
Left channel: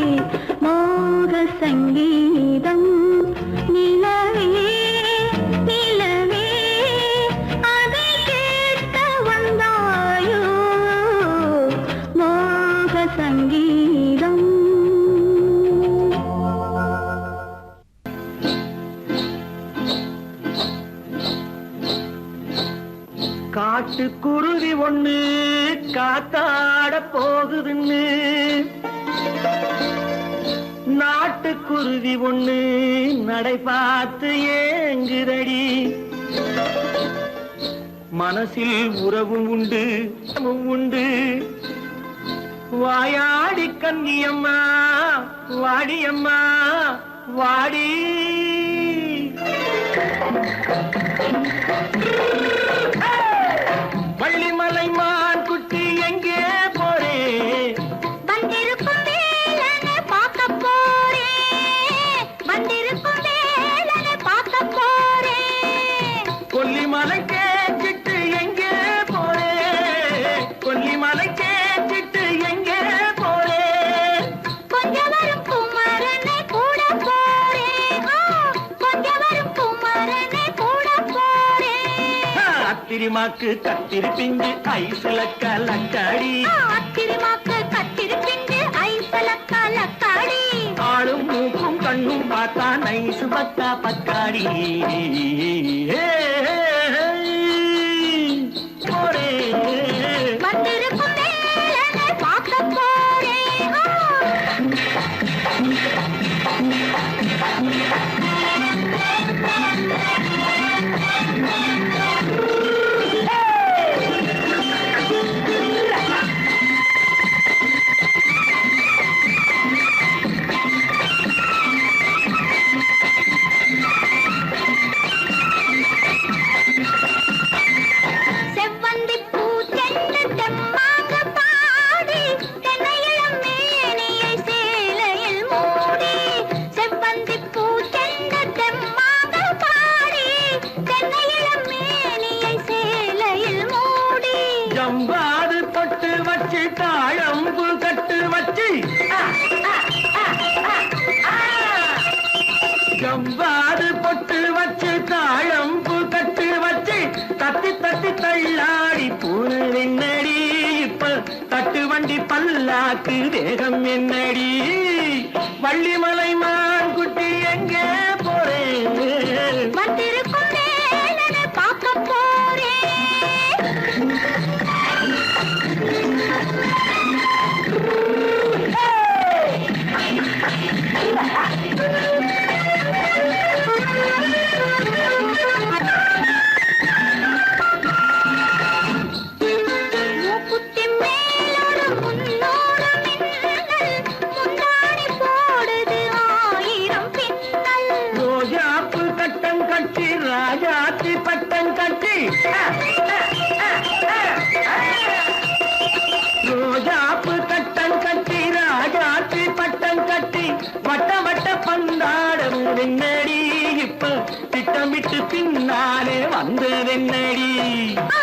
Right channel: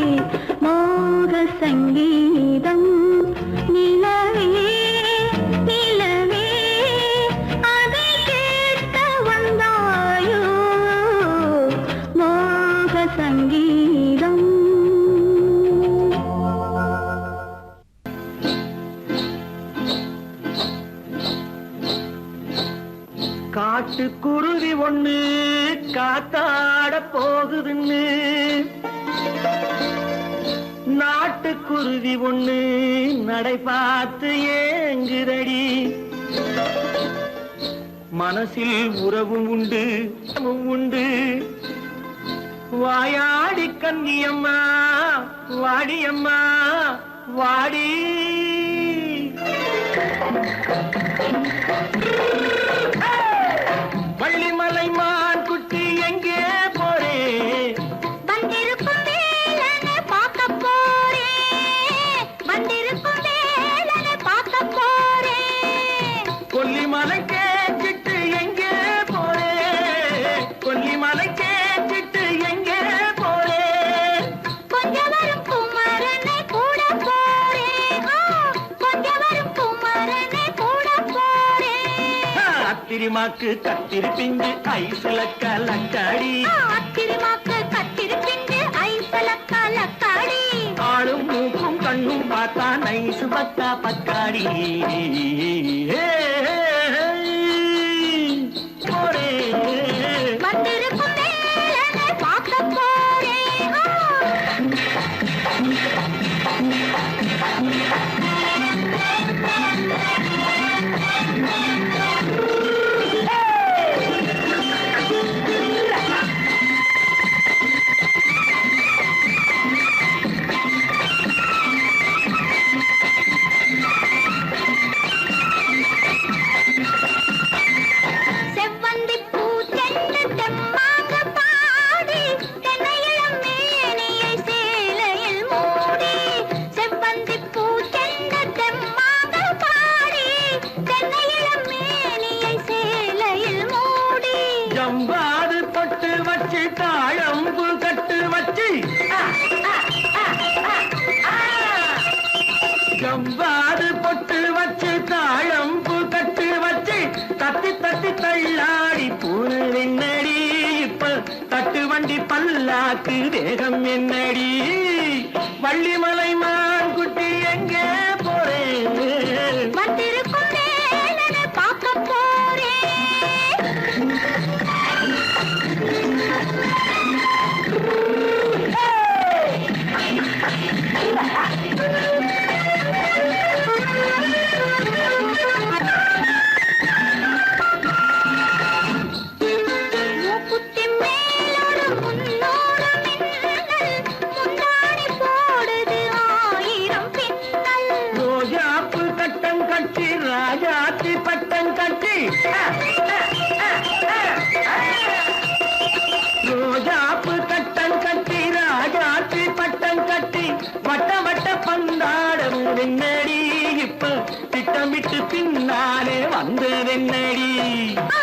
மோக சங்கீதம். நிலவே நிலவே அதை கேட்க வந்தாயோ, மோக சங்கீதம். காட்டுக்குருவி ஒண்ணு காத்தாட போகுதுன்னு, நாட்டுக்குருவி ஒண்ணு நடை பார்த்து ஏங்குதடி, மனசில் உறவும் உண்டு உண்டு, வாயாடி கன்னியம்மா வாடியம்மா வாடி. வள்ளிமலை மான் குட்டி எங்கே போறே, வந்திருக்கும் வேலனை பார்க்க போறேன், ஆத்திரிமாக்கு கத்திரி பிஞ்சு ஐசுல கலக்காடி ஆத்திரிமாக்கு கத்திரி பிஞ்சு ஐசுல கலக்காடி ஆளும் மூக்கும் கண்ணும் பார்த்தா நைசு பக்கா பக்காடி வந்திருக்கும் வேலனை பார்க்க போறேன் செவ்வந்தி பூ தென்ன தெம்மாக பாடி தென்னையிளம் மேனியை சேலையில் மூடி செவ்வந்தி பூ தென்ன தெம்மாக பாடி தென்னையிளம் மேனியை சேலையில் மூடி ஜம்பாது பொட்டு வச்சு தாழம்பு கட்டு வச்சு ஜம்பாது பொட்டு வச்சு தாழம்பு கட்டு வச்சு தட்டி தட்டி தள்ளாடி பூரு என்னடி இப்ப தட்டு வண்டி பல்லாக்கு வேகம் என்னடி வள்ளிமலை மான் குட்டி எங்கே போறேன் வந்திருக்கும் வேலனை பார்க்க போறேன் மூக்குத்தி மேலோடு முன்னோடு மின்னல் முந்தாடி போடுது ஆயிரம் பின்னல் ரோஜாப்பு கட்டம் கட்டி ராஜாத்தி பட்டம் கட்டி ரோஜாப்பு கட்டம் கட்டி ராஜாத்தி பட்டம் கட்டி வட்ட வட்ட பந்தாடம் வெண்ணடி இப்ப திட்டமிட்டு பின்னாலே வந்ததென்னடி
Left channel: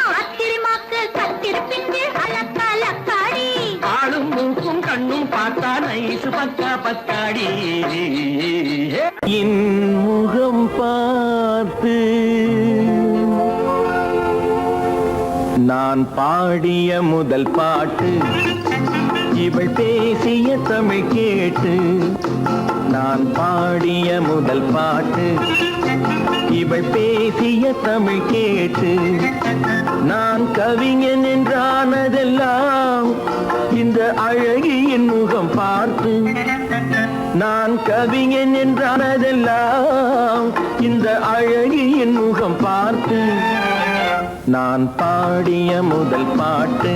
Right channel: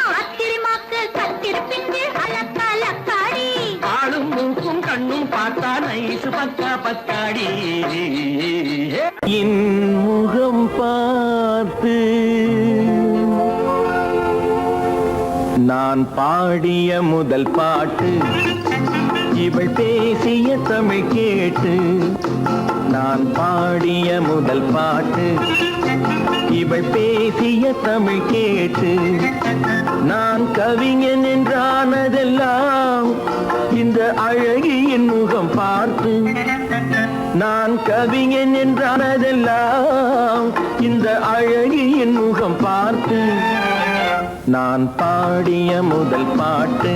ஆத்திரிமாக்கு கத்திரி பிஞ்சு அலக்காடி ஆளும் மூக்கும் கண்ணும் பார்த்தா நைசு பக்கா பக்காடி என் முகம் பார்த்து நான் பாடிய முதல் பாட்டு இவள் பேசிய தமிழ் கேட்டு நான் பாடிய முதல் பாட்டு இவள் பேசிய தமிழ் கேட்டு நான் கவிஞன் என்றானதெல்லாம் இந்த அழகியின் முகம் பார்த்து நான் கவிஞன் என்றானதெல்லாம் இந்த அழகியின் முகம் பார்த்து நான் பாடிய முதல் பாட்டு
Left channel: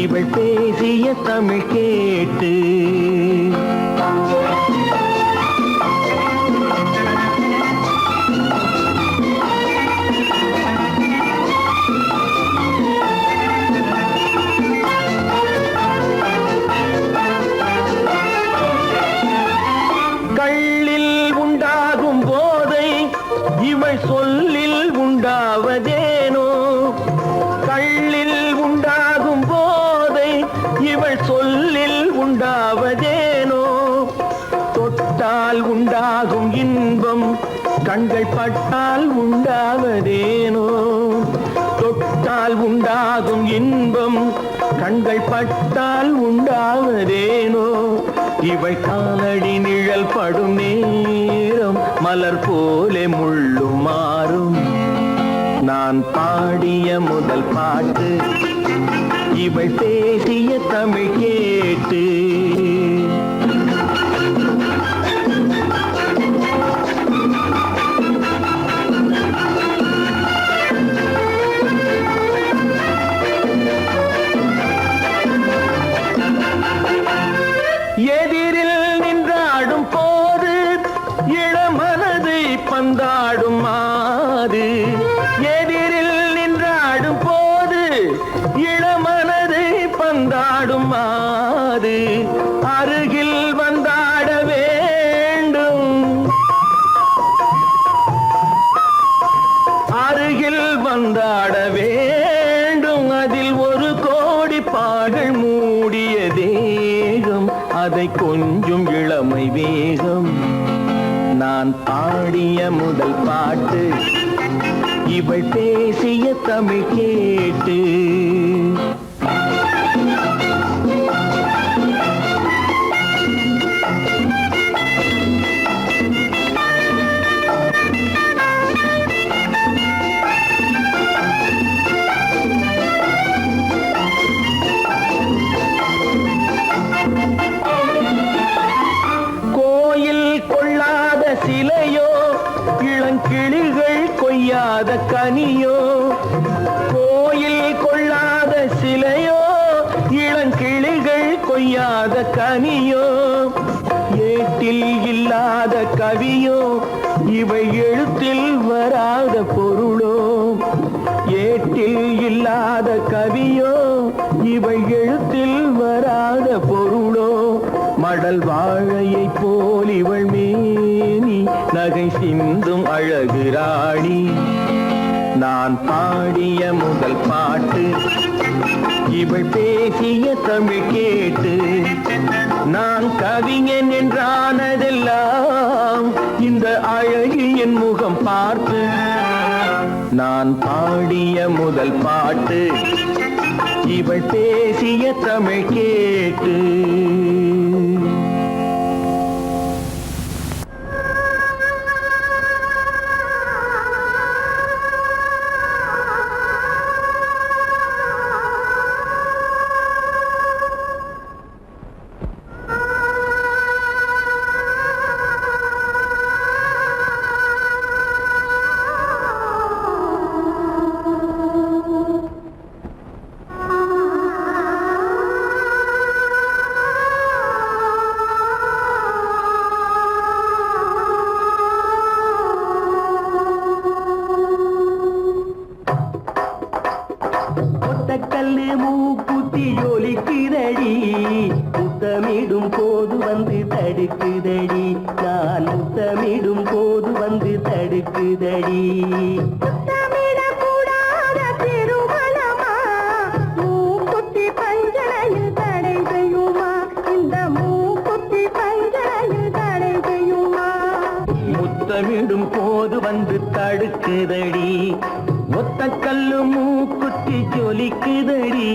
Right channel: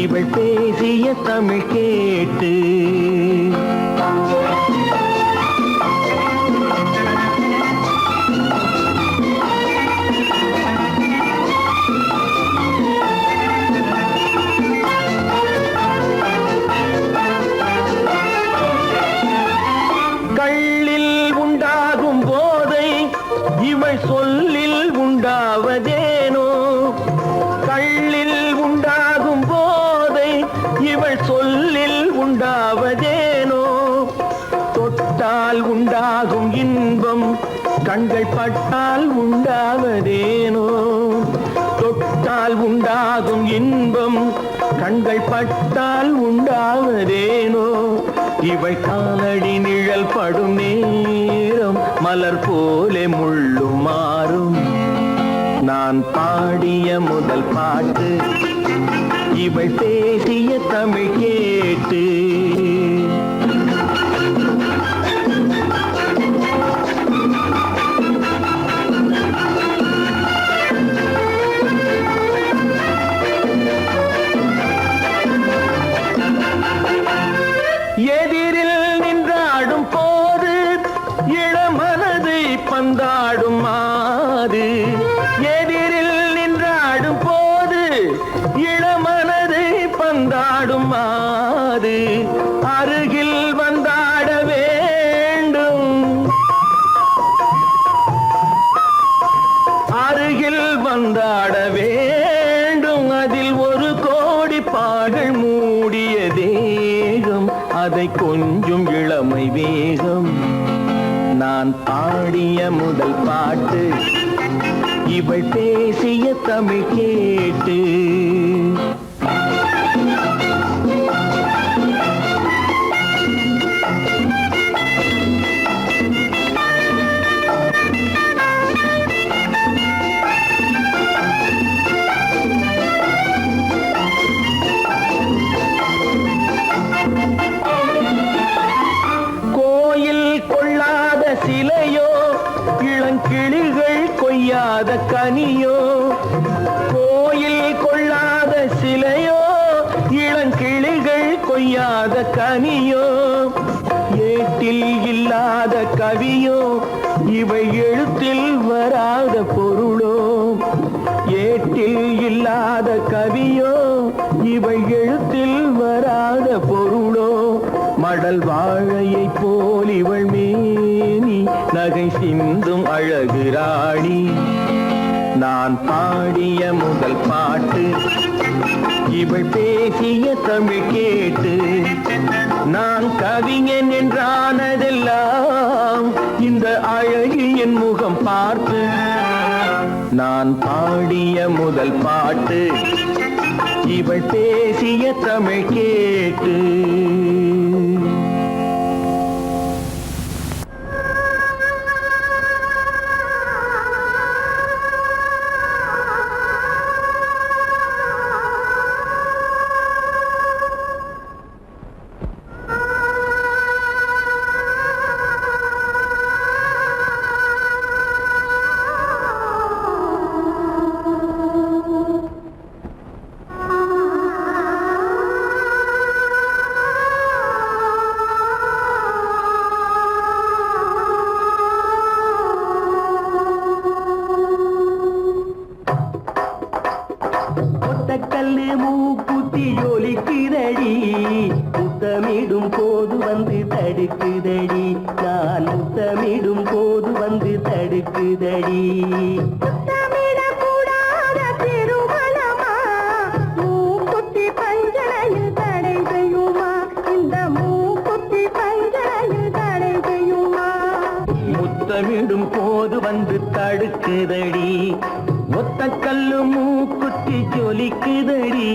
இவள் பேசிய தமிழ் கேட்டு கள்ளில் உண்டாகும் போதை இவள் சொல்லில் உண்டாவதேனோ கள்ளில் உண்டாகும் போதை இவள் சொல்லில் உண்டாவதேனோ தொட்டால் உண்டாகும் இன்பம் கண்கள் பட்டால் உண்டாவதேனோ தொட்டால் உண்டாகும் இன்பம் கண்கள் பட்டால் உண்டாவதேனோ இவள் காலடி நிழல் படும் நேரம் மலர் போலே முள்ளும் மாறும் நான் பாடிய முதல் பாட்டு இவள் பேசிய தமிழ் கேட்டு எதிரில் நின்றாடும் போது இளமனதை பந்தாடும் மாது எதிரில் நின்றாடும் போது இளமனதை பந்தாடும் மாது அருகில் வந்தாட வேண்டும் அருகில் வந்தாட வேண்டும் அதில் ஒரு கோடி பாடல் மூடிய தேகம் அதை கொஞ்சம் இளமை வேகம் நான் பாடிய முதல் பாட்டு இவள் பேசிய தமிழ் கேட்டு சிலையோ இளங்கிளிகள் கொய்யாத கனியோ கோயில் கொள்ளாத சிலையோ இளங்கிளிகள் கொய்யாத கனியோ ஏட்டில் இல்லாத கவியோ இவை எழுத்தில் வராத பொருளோ ஏட்டில் இல்லாத கவியோ இவை எழுத்தில் வராத பொருளோ மடல் வாழையை போல் இவள் மேனி நகை சிந்தும் அழகு ராணி நான் பாடிய முதல் பாட்டு இவள் பேசிய தமிழ் கேட்டு நான் கவிஞன் என்றானதெல்லாம் இந்த அழகியின் முகம் பார்த்து நான் பாடிய முதல் பாட்டு இவள் பேசிய தமிழ் கேட்டு கல்லு மூக்குத்தி ஜொலிக்குதடி முத்தமிடும் போது வந்து தடுக்குதடி நான் முத்தமிடும் போது வந்து தடுக்குதடி முத்தமிடக்கூடாத திருமணமா மூக்குத்தி பஞ்சனையில் தடை செய்யுமா இந்த மூக்குத்தி பஞ்சனையில் தடை செய்யுமா முத்தமிடும் போது வந்து தடுக்குதடி ஒத்த கல்லு மூக்குத்தி ஜொலிக்குதடி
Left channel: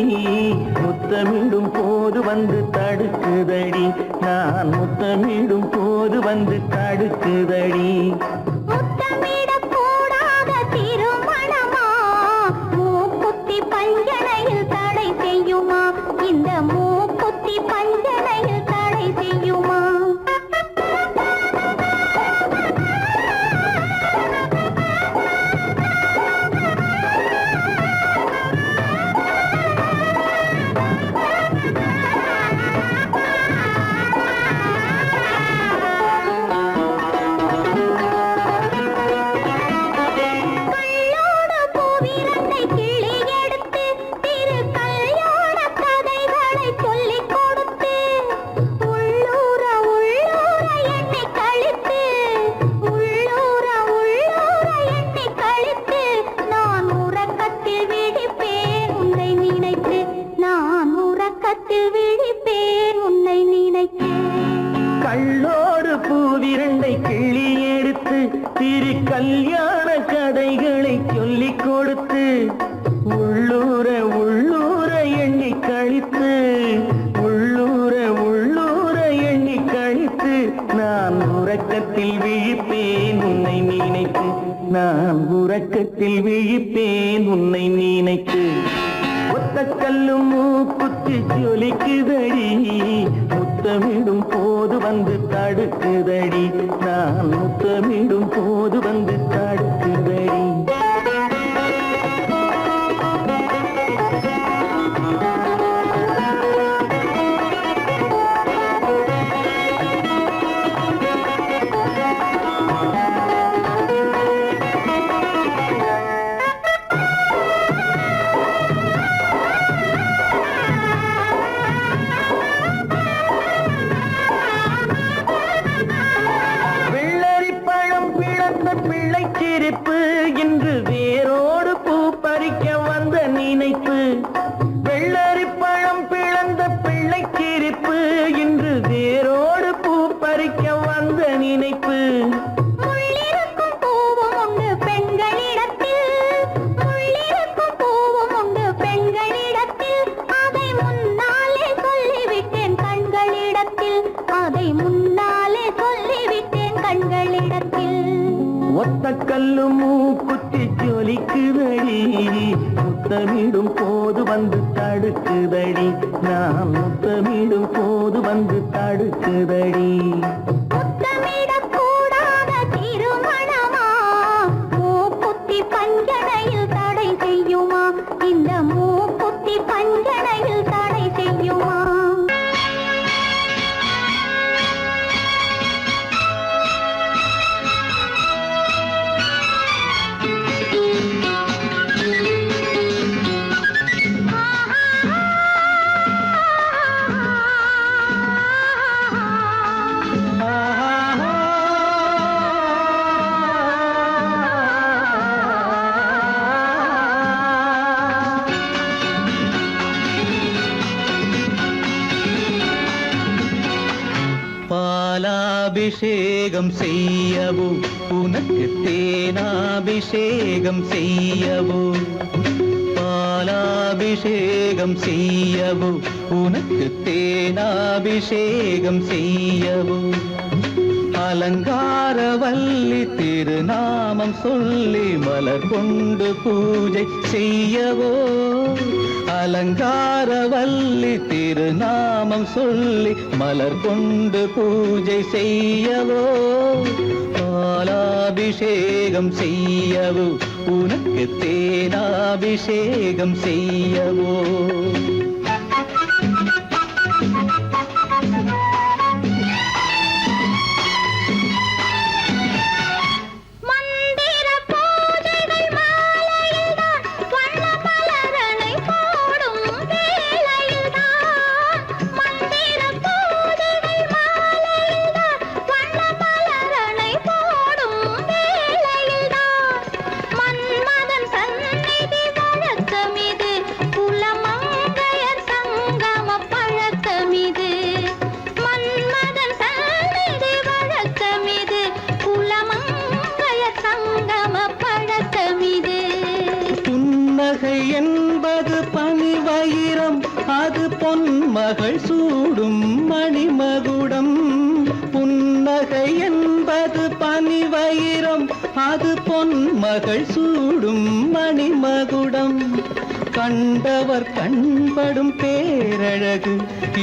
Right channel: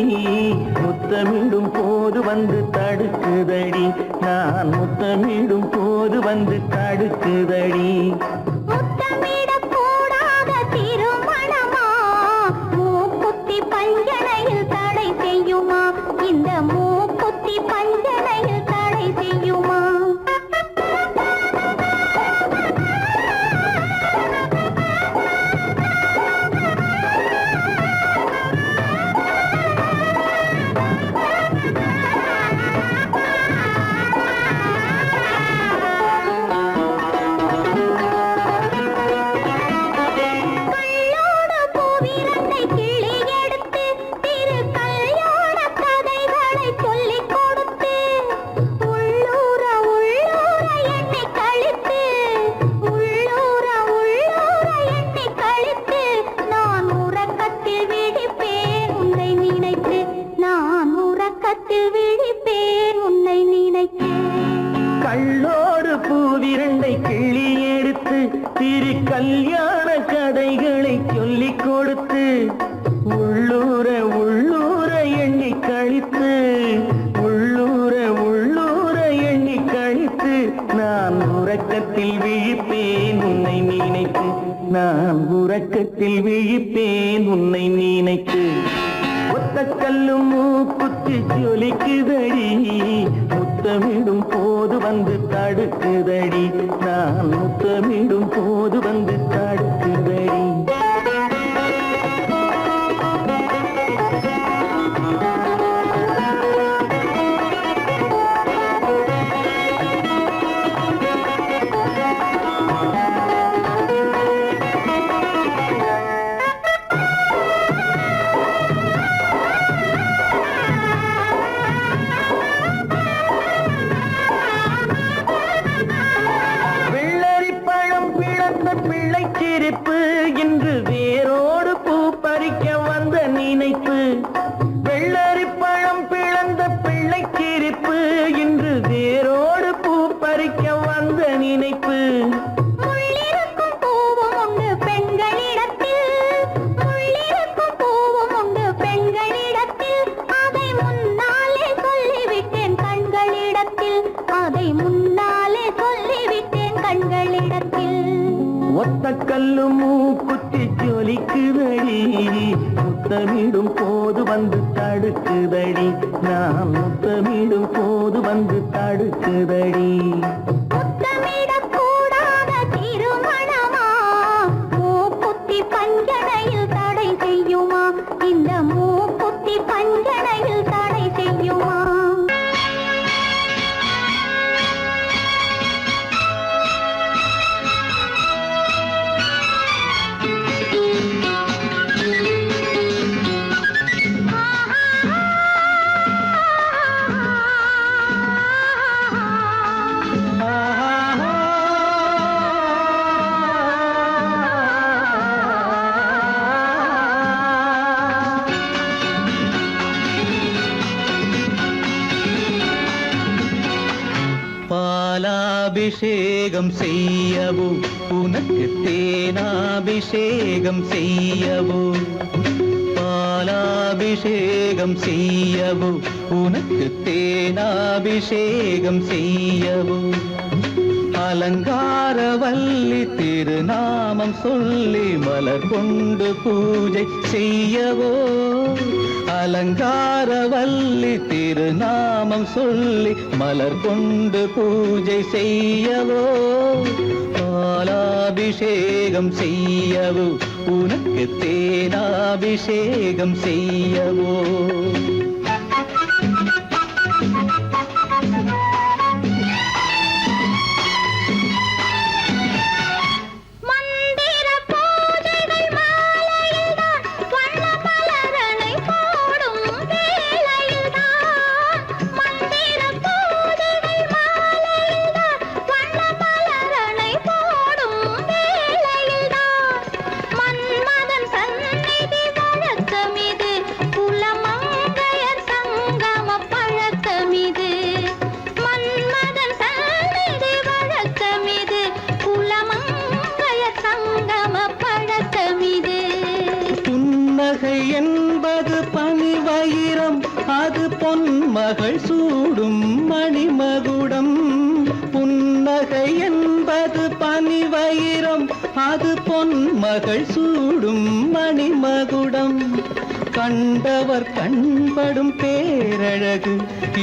முத்தமிடும் போது வந்து தடுக்குதடி நான் முத்தமிடும் போது வந்து தடுக்குதடி முத்தமிடக்கூடாத திருமணமா மூக்குத்தி பஞ்சனையில் தடை செய்யுமா இந்த மூக்குத்தி பஞ்சனையில் தடை செய்யுமா கள்ளோடு பூவிரண்டை கிள்ளி எடுத்து திரு கல்யாண கதைகளை சொல்லிக் கொடுத்து உள்ளூர உள்ளூர எண்ணி கழித்து உள்ளூர உள்ளூர எண்ணி கழித்து நான் உறக்கத்தில் விழிப்பேன் உன்னை நினைத்து நான் உறக்கத்தில் விழிப்பேன் உன்னை நினைத்து ஒத்த கல்லும் மூக்குத்தி ஜொலிக்குதடி முத்தமிடும் போது வந்து தடுக்குதடி நான் முத்தமிடும் போது வந்து தடுக்குதடி பிள்ளைக்கு ஒத்தக்கல்லு மூக்குத்தி ஜொலிக்குதடி முத்தமிடும் போது வந்து தடுக்குதடி நான் முத்தமிடும் போது வந்து தடுக்குதடி முத்தமிடக்கூடாத திருமணமா மூக்குத்தி பஞ்சனையில் தடை செய்யுமா இந்த மூக்குத்தி பஞ்சனையில் தடை செய்யுமா பாலாபிஷேகம் செய்யவோ உனக்கு தேனாபிஷேகம் செய்யவோ பாலாபிஷேகம் செய்யவோ உனக்கு தேனாபிஷேகம் செய்யவோ அலங்காரவல்லி திருநாமம் சொல்லி மலர் கொண்டு பூஜை செய்யவோ அலங்காரவல்லி திருநாமம் சொல்லி மலர் கொண்டு பூஜை செய்யவோ பாலாபிஷேகம் செய்யவோ உனக்கு தேனாபிஷேகம் செய்யவோ என்பது பனிவயிரம் அது பொன்மகள் சூடும் மணிமகுடம் புன்னகை என்பது பனிவயிரம் அது பொன்மகள் சூடும் மணிமகுடம் கண்டவர் கண்படும் பேரழகு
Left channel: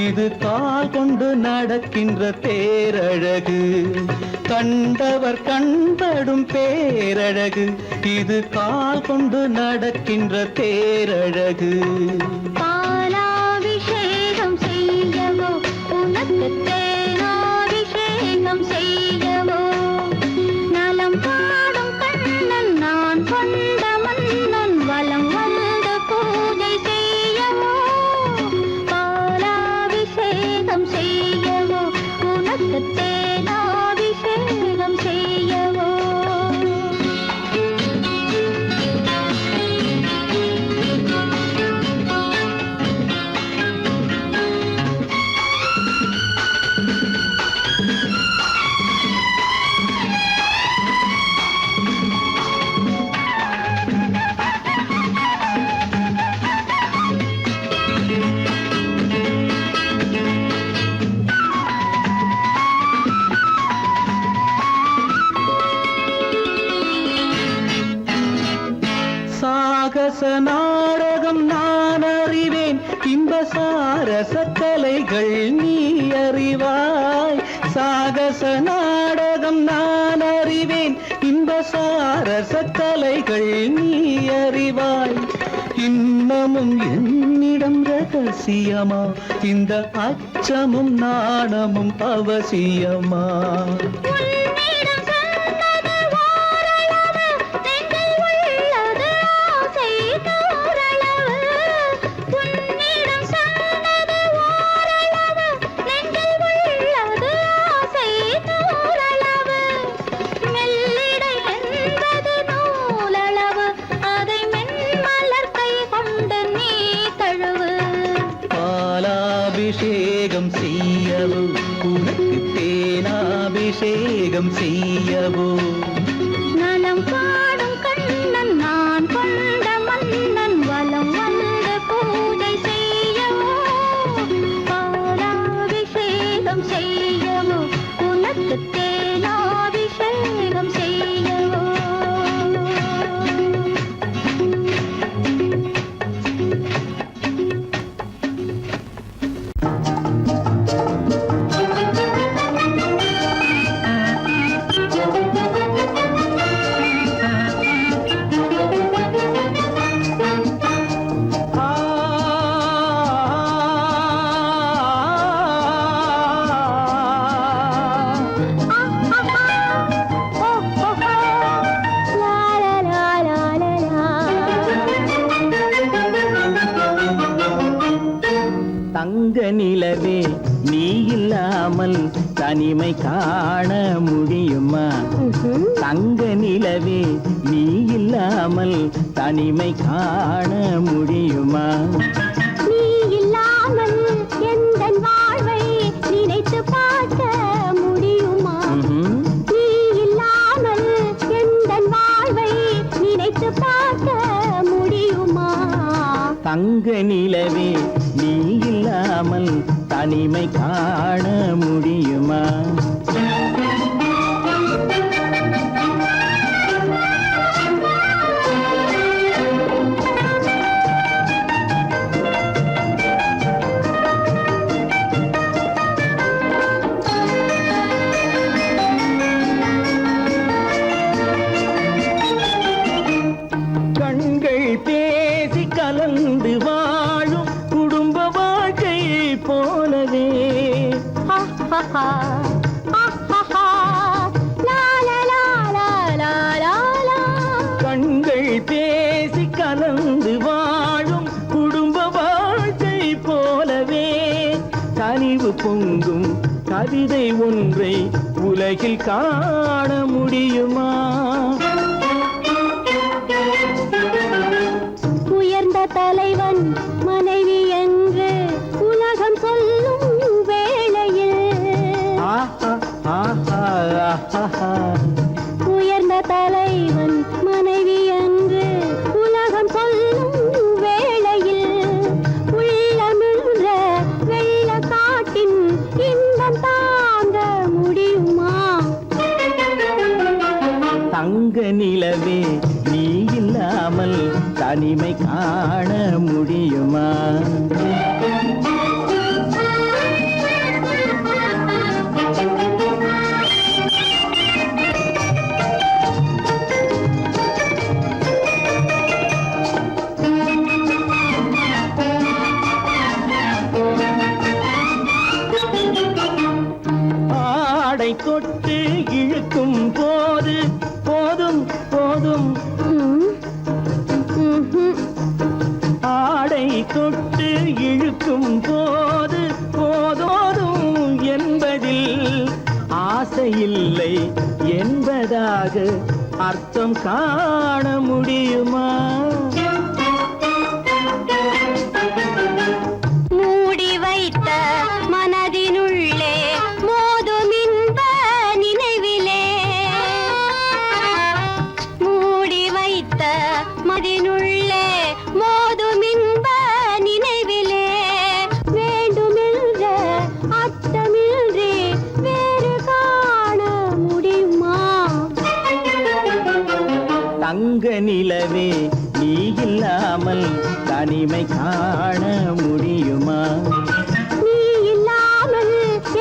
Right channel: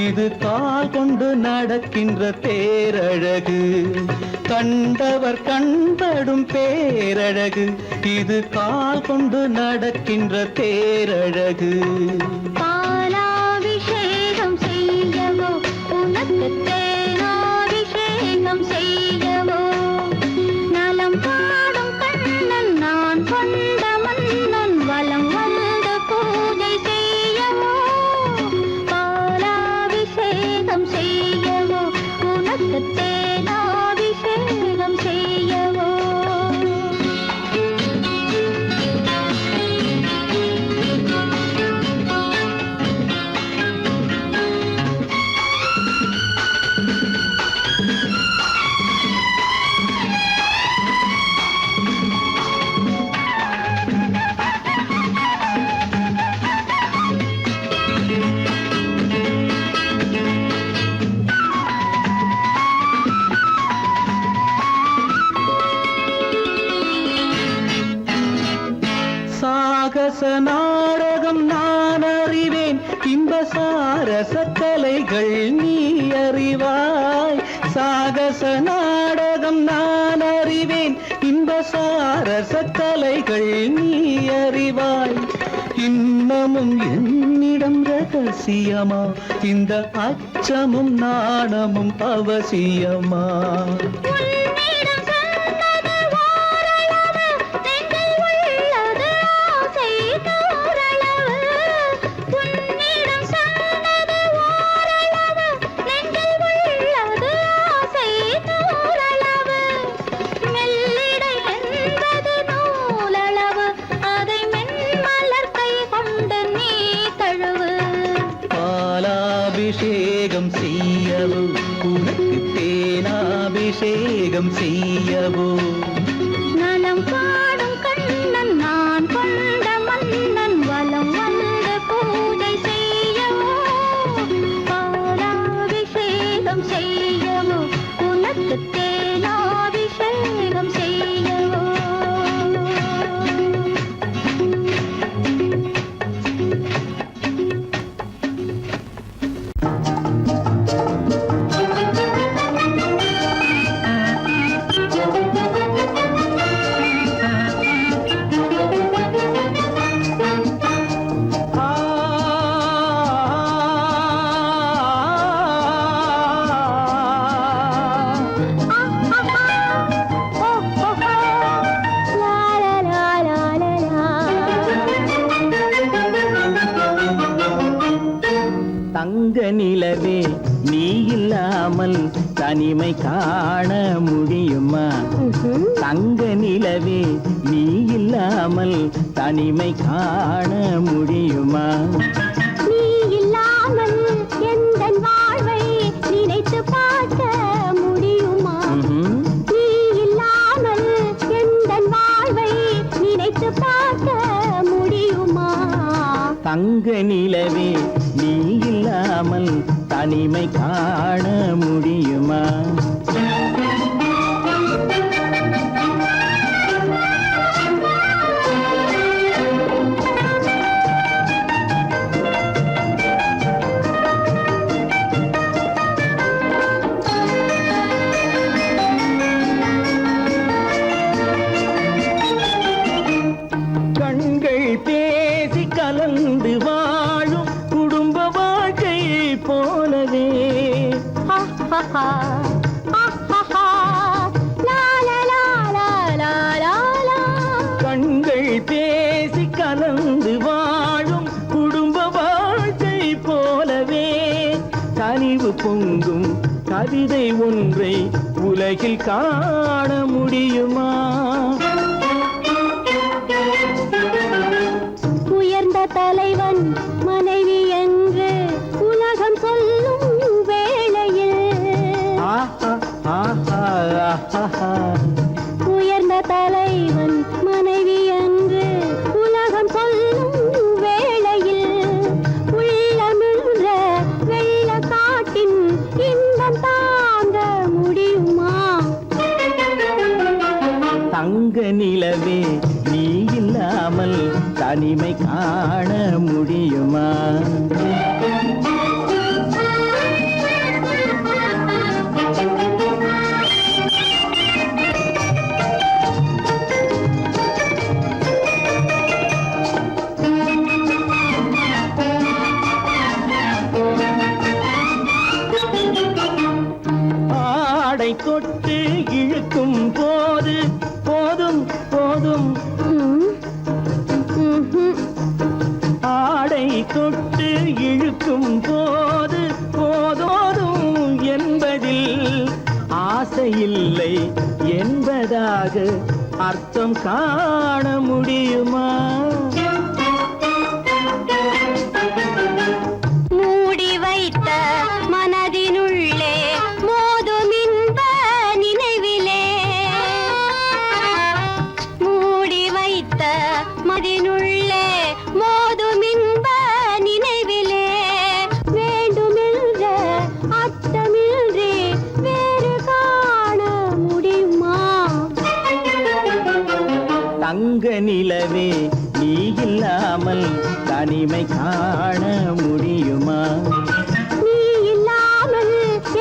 இது கால் கொண்டு நடக்கின்ற தேரழகு கண்டவர் கண்படும் பேரழகு இது கால் கொண்டு நடக்கின்ற தேரழகு பாலாபிஷேகம் செய்யவோ உனக்கு தேனாபிஷேகம் செய்யவோ நலம் பாடும் கண்ணன் நான் கொண்ட மன்னன் வலம் வந்து பூஜை செய்யவோ பாலாபிஷேகம் செய்யவோ உனக்கு தேனாபிஷேகம் செய்யவோ சாகச நாடகம் நான் அறிவேன் இன்ப சாரச கலைகள் நீ அறிவாய் சாகச நாடகம் நான் அறிவேன் இன்ப சாரச கலைகள் நீ அறிவாய் இன்னமும் என்னிடம் ரகசியமா இந்த அச்சமும் நாணமும் அவசியமா பாலாபிஷேகம் செய்யவோ உனக்கு தேனாபிஷேகம் செய்யவோ நலம் பாடும் கண்ணன் நான் கொண்ட மன்னன் வலம் வந்து பூஜை செய்யவோ பாலாபிஷேகம் செய்யவோ உனக்கு தேனாபிஷேகம் செய்யவோ இல்லாமல் தனிமை காண முடியுமா? தங்க நிலவே நீ இல்லாமல் தனிமை காண முடியுமா? நீ இல்லாமல் எந்தன் வாழ்வை நினைத்து பார்க்க முடியுமா? நீ இல்லாமல் எந்தன் வாழ்வை நினைத்து பார்க்க முடியுமா? தங்க நிலவே நீ இல்லாமல் தனிமை காண முடியுமா? கண்கள் பேசி கலந்து வாழும் குடும்ப வாழ்க்கை போலவே கண்கள் பேசி கலந்து வாழும் குடும்ப வாழ்க்கை போலவே கனிவு பொங்கும் கவிதை ஒன்றை உலகில் காண முடியுமா? உயர்ந்த தலைவன் மனைவி என்று உலகம் சொல்லும் வேளையில் உயர்ந்த தலைவன் மனைவி என்று உலகம் சொல்லும் வேளையில் உள்ளமிழ்ற வெள்ள காட்டின் இன்பம் தாங்க முடியுமா? தங்க நிலவே நீ இல்லாமல் தனிமை காண முடியுமா? ஆடை தொட்டு இழுக்கும் போது போதும் போதும் ஆடை தொட்டு இழுக்கும் போது போதோதும் என்பதில் ஆசையில்லை என்பதாக அர்த்தம் காண முடியுமா? மூடி வைத்த மனதினுள்ளே மோதும் இன்ப நினைவிலே மூடி வைத்த மனதினுள்ளே மோதும் இன்ப நினைவிலே வேண்டுமென்ற அர்த்தமின்றி வேறு காண முடியுமா? தங்க நிலவே நீ இல்லாமல் தனிமை காண முடியுமா? நீ இல்லாமல்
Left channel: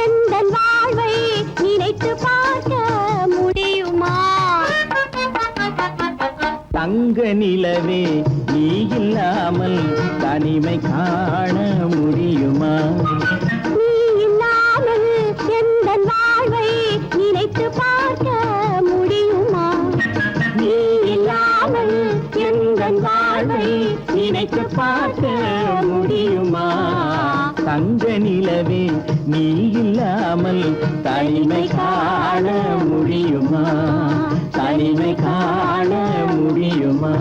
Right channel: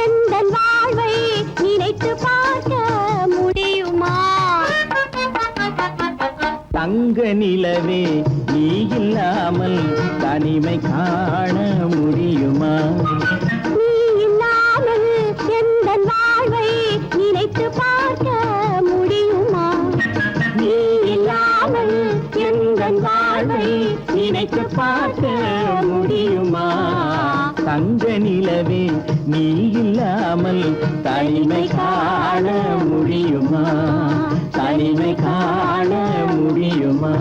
எந்தன் வாழ்வை நினைத்து பார்க்க முடியுமா? தங்க நிலவே நீ இல்லாமல் தனிமை காண முடியுமா? நீ இல்லாமல் எந்தன் வாழ்வை நினைத்து பார்க்க முடியுமா? நீ இல்லாமல் எந்தன் வாழ்வை நினைத்து பார்க்க முடியுமா? தங்க நிலவே நீ இல்லாமல் தனிமை காண முடியுமா? தனிமை காண முடியுமா?